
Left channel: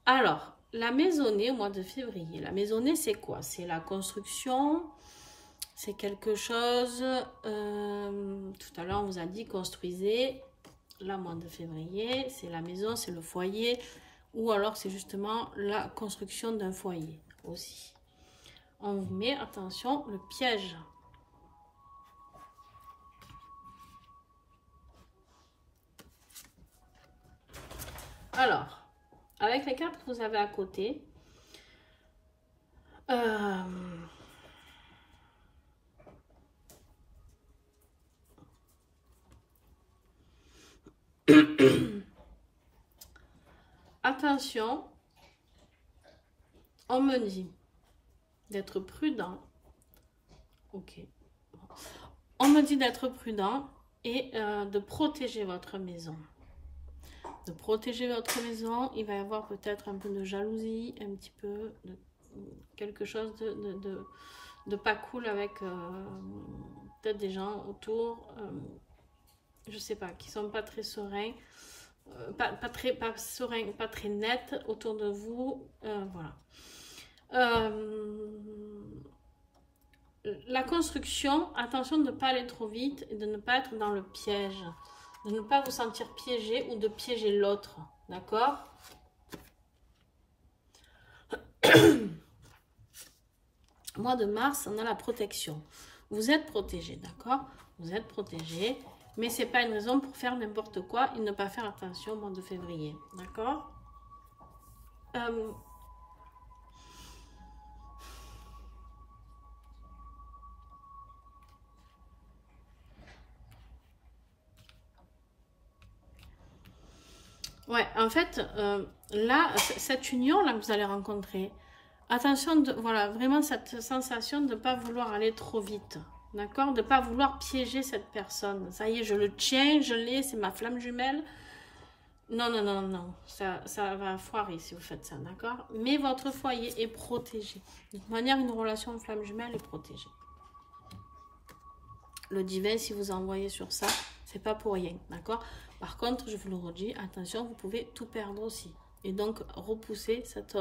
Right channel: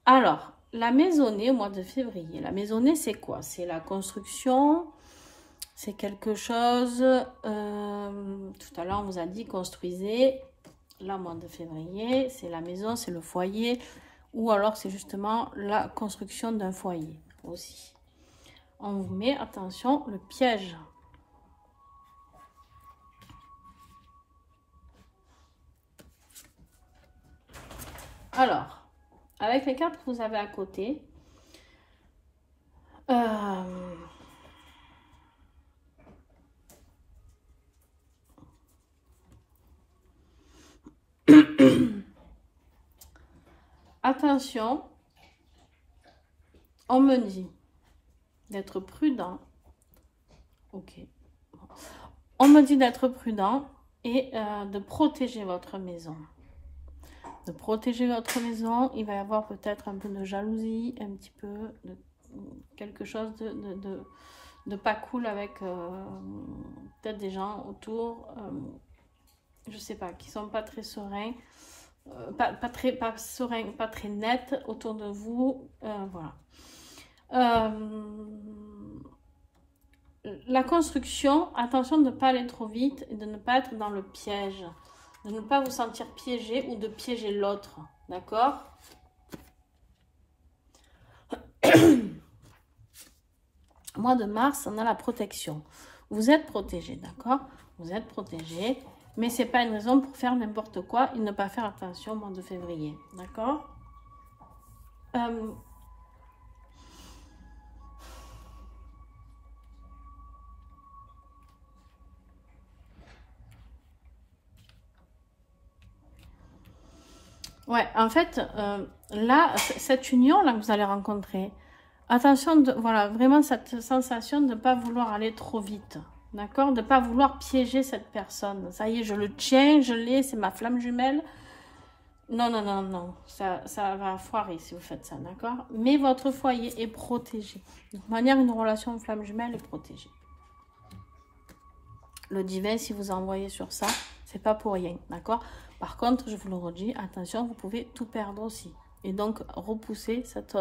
Alors, la maisonnée au mois de février. La maisonnée, c'est quoi? C'est la construction, c'est quelque chose... tout à l'heure, on vous a dit construisez. Là, mois de février, c'est la maison, c'est le foyer. Ou alors, c'est justement la construction d'un foyer aussi. On vous met, attention, le piège. Alors, avec les cartes que vous avez à côté, attention, on me dit d'être prudent. Ok. On me dit d'être prudent et de protéger votre maison. De protéger votre maison, il va y avoir peut-être un peu de jalousie, un petit peu de quelque chose de pas cool avec peut-être des gens autour, je sais pas, qui sont pas très sereins, pas sereins, pas très nets autour de vous, voilà. La construction, attention de ne pas aller trop vite et de ne pas être dans le piège. De ne pas vous sentir piégé ou de piéger l'autre. D'accord? Mois de mars, on a la protection. Vous êtes protégé, d'accord? Vous êtes protégé, mais ce n'est pas une raison pour faire n'importe quoi et ne pas faire attention au mois de février. D'accord? Ouais, en fait, là, cette union-là que vous allez rencontrer, attention, voilà, vraiment cette sensation de ne pas vouloir aller trop vite, d'accord? De ne pas vouloir piéger cette personne. Ça y est, je le tiens, je l'ai, c'est ma flamme jumelle. Non, non, non, non, ça va foirer si vous faites ça, d'accord? Mais votre foyer est protégé. De toute manière, une relation flamme jumelle est protégée. Le divin, si vous envoyez sur ça, c'est pas pour rien, d'accord? Par contre, je vous le redis, attention, vous pouvez tout perdre aussi. Et donc, repousser cette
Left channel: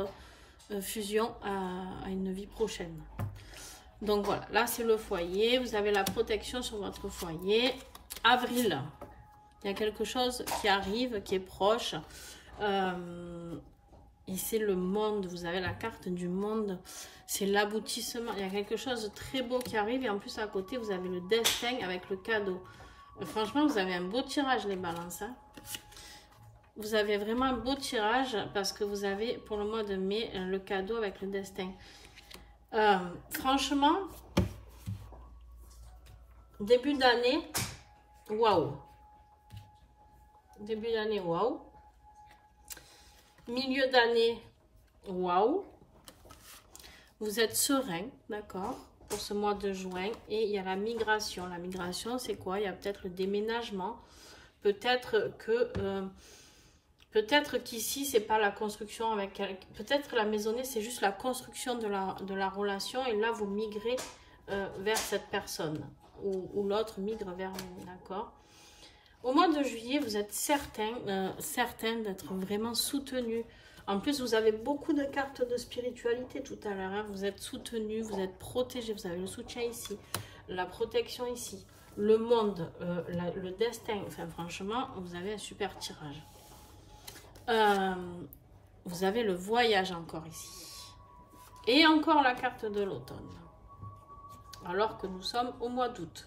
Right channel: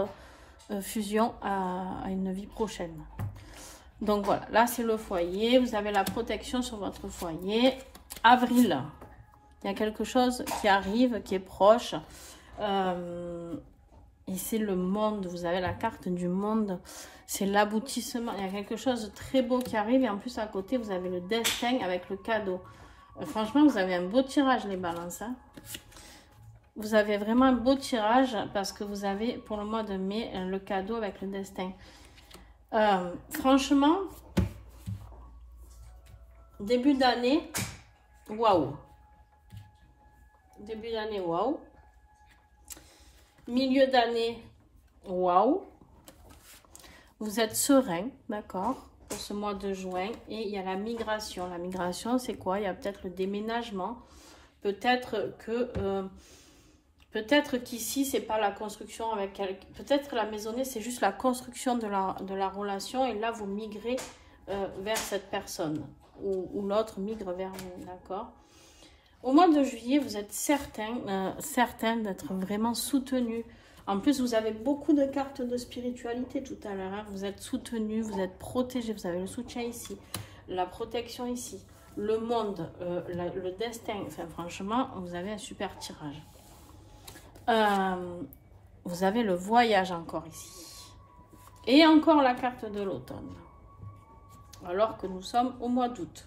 fusion à une vie prochaine. Donc voilà, là c'est le foyer. Vous avez la protection sur votre foyer. Avril, il y a quelque chose qui arrive, qui est proche. Ici, le monde, vous avez la carte du monde. C'est l'aboutissement. Il y a quelque chose de très beau qui arrive. Et en plus, à côté, vous avez le destin avec le cadeau. Franchement, vous avez un beau tirage, les balances. Hein. Vous avez vraiment un beau tirage parce que vous avez, pour le mois de mai, le cadeau avec le destin. Franchement, début d'année, waouh. Début d'année, waouh. Milieu d'année, waouh. Vous êtes serein, d'accord, pour ce mois de juin. Et il y a la migration. La migration, c'est quoi? Il y a peut-être le déménagement. Peut-être que Peut-être qu'ici, c'est pas la construction avec quelqu'un. Peut-être la maisonnée, c'est juste la construction de la relation. Et là, vous migrez vers cette personne. Ou l'autre migre vers vous, d'accord? Au mois de juillet, vous êtes certain d'être vraiment soutenu. En plus, vous avez beaucoup de cartes de spiritualité tout à l'heure. Hein. Vous êtes soutenu, vous êtes protégé. Vous avez le soutien ici, la protection ici, le monde, le destin. Enfin, franchement, vous avez un super tirage. Vous avez le voyage encore ici. Et encore la carte de l'automne. Alors que nous sommes au mois d'août.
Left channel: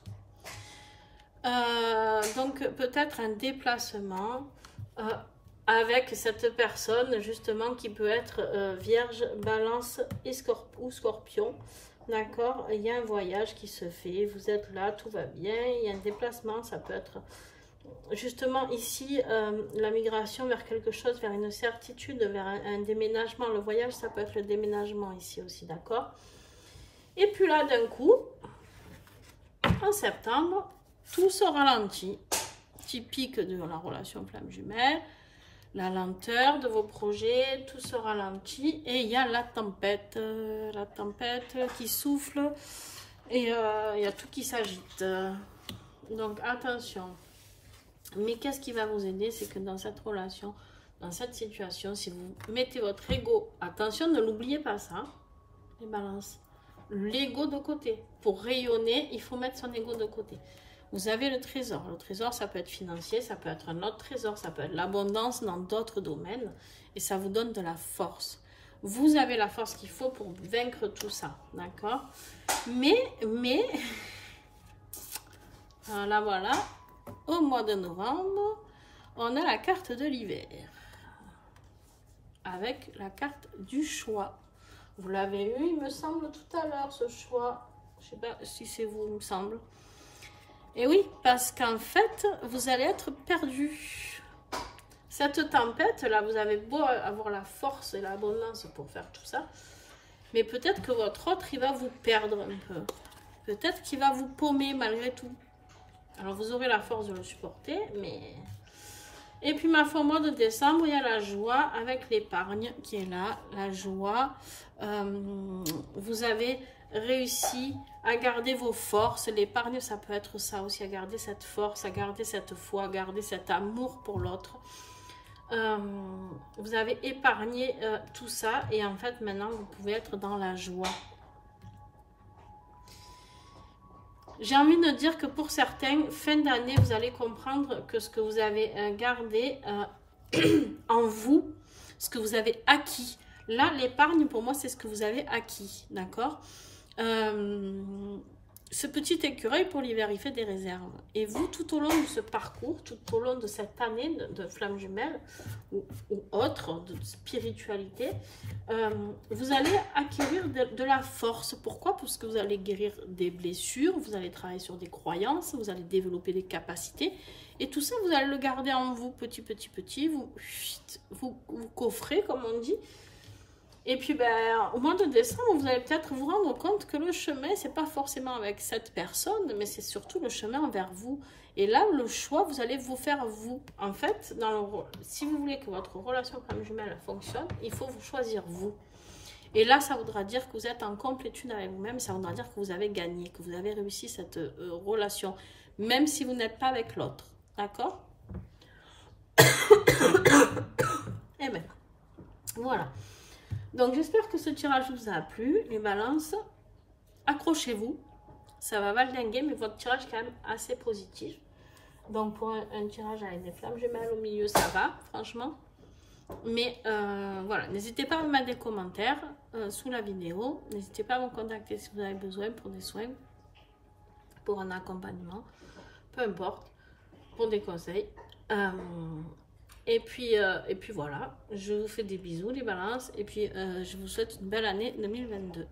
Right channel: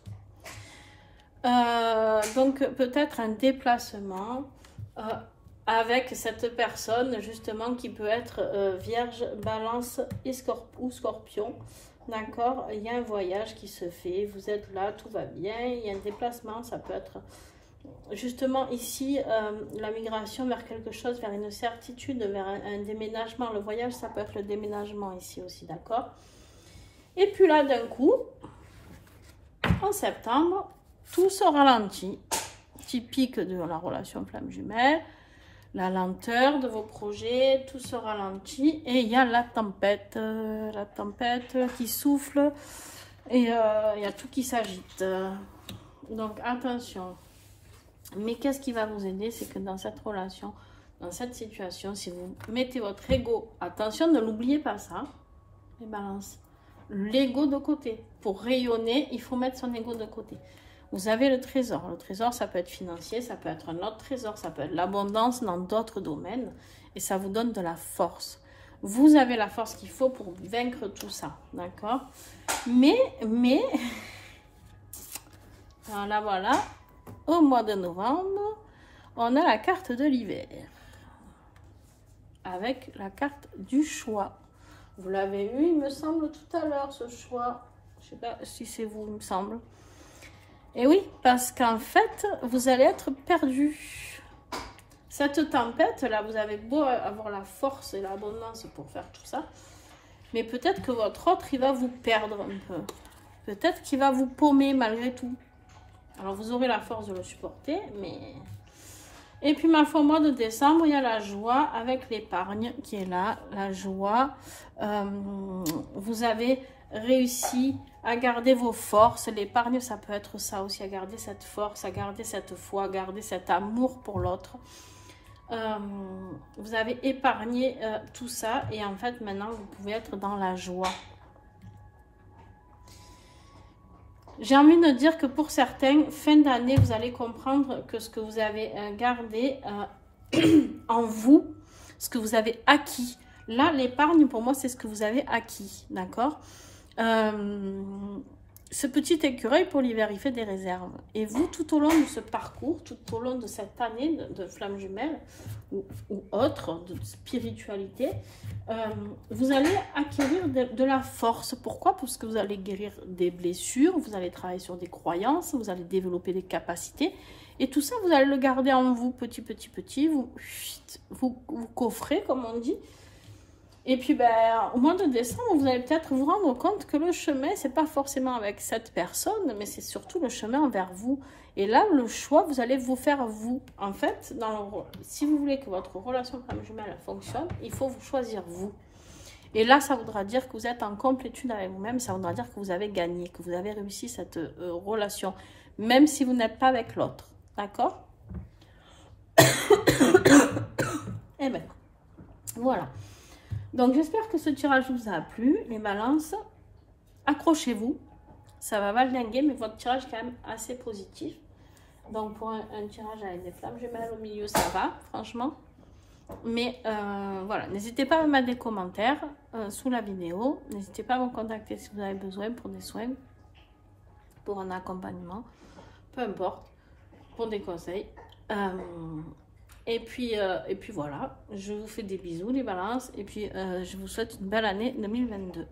Donc peut-être un déplacement avec cette personne justement qui peut être vierge, balance et ou scorpion. D'accord? Il y a un voyage qui se fait. Vous êtes là, tout va bien. Il y a un déplacement, ça peut être... Justement ici, la migration vers quelque chose, vers une certitude, vers un déménagement. Le voyage, ça peut être le déménagement ici aussi, d'accord? Et puis là, d'un coup, en septembre, tout se ralentit. Typique de la relation flamme jumelle. La lenteur de vos projets, tout se ralentit. Et il y a la tempête qui souffle. Et il y a tout qui s'agite. Donc attention. Mais qu'est-ce qui va vous aider? C'est que dans cette relation, dans cette situation, si vous mettez votre ego, attention, ne l'oubliez pas ça, les balances, l'ego de côté. Pour rayonner, il faut mettre son ego de côté. Vous avez le trésor. Le trésor, ça peut être financier, ça peut être un autre trésor, ça peut être l'abondance dans d'autres domaines. Et ça vous donne de la force. Vous avez la force qu'il faut pour vaincre tout ça, d'accord? Mais, voilà. Au mois de novembre, on a la carte de l'hiver. Avec la carte du choix. Vous l'avez eu, il me semble, tout à l'heure, ce choix. Je ne sais pas si c'est vous, il me semble. Et oui, parce qu'en fait, vous allez être perdu. Cette tempête-là, vous avez beau avoir la force et l'abondance pour faire tout ça. Mais peut-être que votre autre, il va vous perdre un peu. Peut-être qu'il va vous paumer malgré tout. Alors, vous aurez la force de le supporter, mais... Et puis, ma foi, au mois de décembre, il y a la joie avec l'épargne qui est là. La joie. Vous avez réussi à garder vos forces. L'épargne, ça peut être ça aussi, à garder cette force, à garder cette foi, à garder cet amour pour l'autre. Vous avez épargné tout ça. Et en fait, maintenant, vous pouvez être dans la joie. J'ai envie de dire que pour certains, fin d'année, vous allez comprendre que ce que vous avez gardé en vous, ce que vous avez acquis. Là, l'épargne, pour moi, c'est ce que vous avez acquis, d'accord? Ce petit écureuil, pour l'hiver, il fait des réserves. Et vous, tout au long de ce parcours, tout au long de cette année de flamme jumelle ou autre, de spiritualité, vous allez acquérir de la force. Pourquoi? Parce que vous allez guérir des blessures, vous allez travailler sur des croyances, vous allez développer des capacités. Et tout ça, vous allez le garder en vous, petit, vous coffrez, comme on dit. Et puis, au mois de décembre, vous allez peut-être vous rendre compte que le chemin, c'est pas forcément avec cette personne, mais c'est surtout le chemin vers vous. Et là, le choix, vous allez vous faire vous. En fait, si vous voulez que votre relation flamme jumelle fonctionne, il faut vous choisir vous. Et là, ça voudra dire que vous êtes en complétude avec vous-même, ça voudra dire que vous avez gagné, que vous avez réussi cette relation, même si vous n'êtes pas avec l'autre. D'accord? Et bien, voilà. Donc, j'espère que ce tirage vous a plu. Les balances, accrochez-vous. Ça va valdinguer, mais votre tirage est quand même assez positif. Donc, pour un tirage avec des flammes jumelles au milieu, ça va, franchement. Mais voilà, n'hésitez pas à me mettre des commentaires sous la vidéo. N'hésitez pas à me contacter si vous avez besoin pour des soins, pour un accompagnement, peu importe, pour des conseils. Et puis voilà, je vous fais des bisous les balances et puis je vous souhaite une belle année 2022.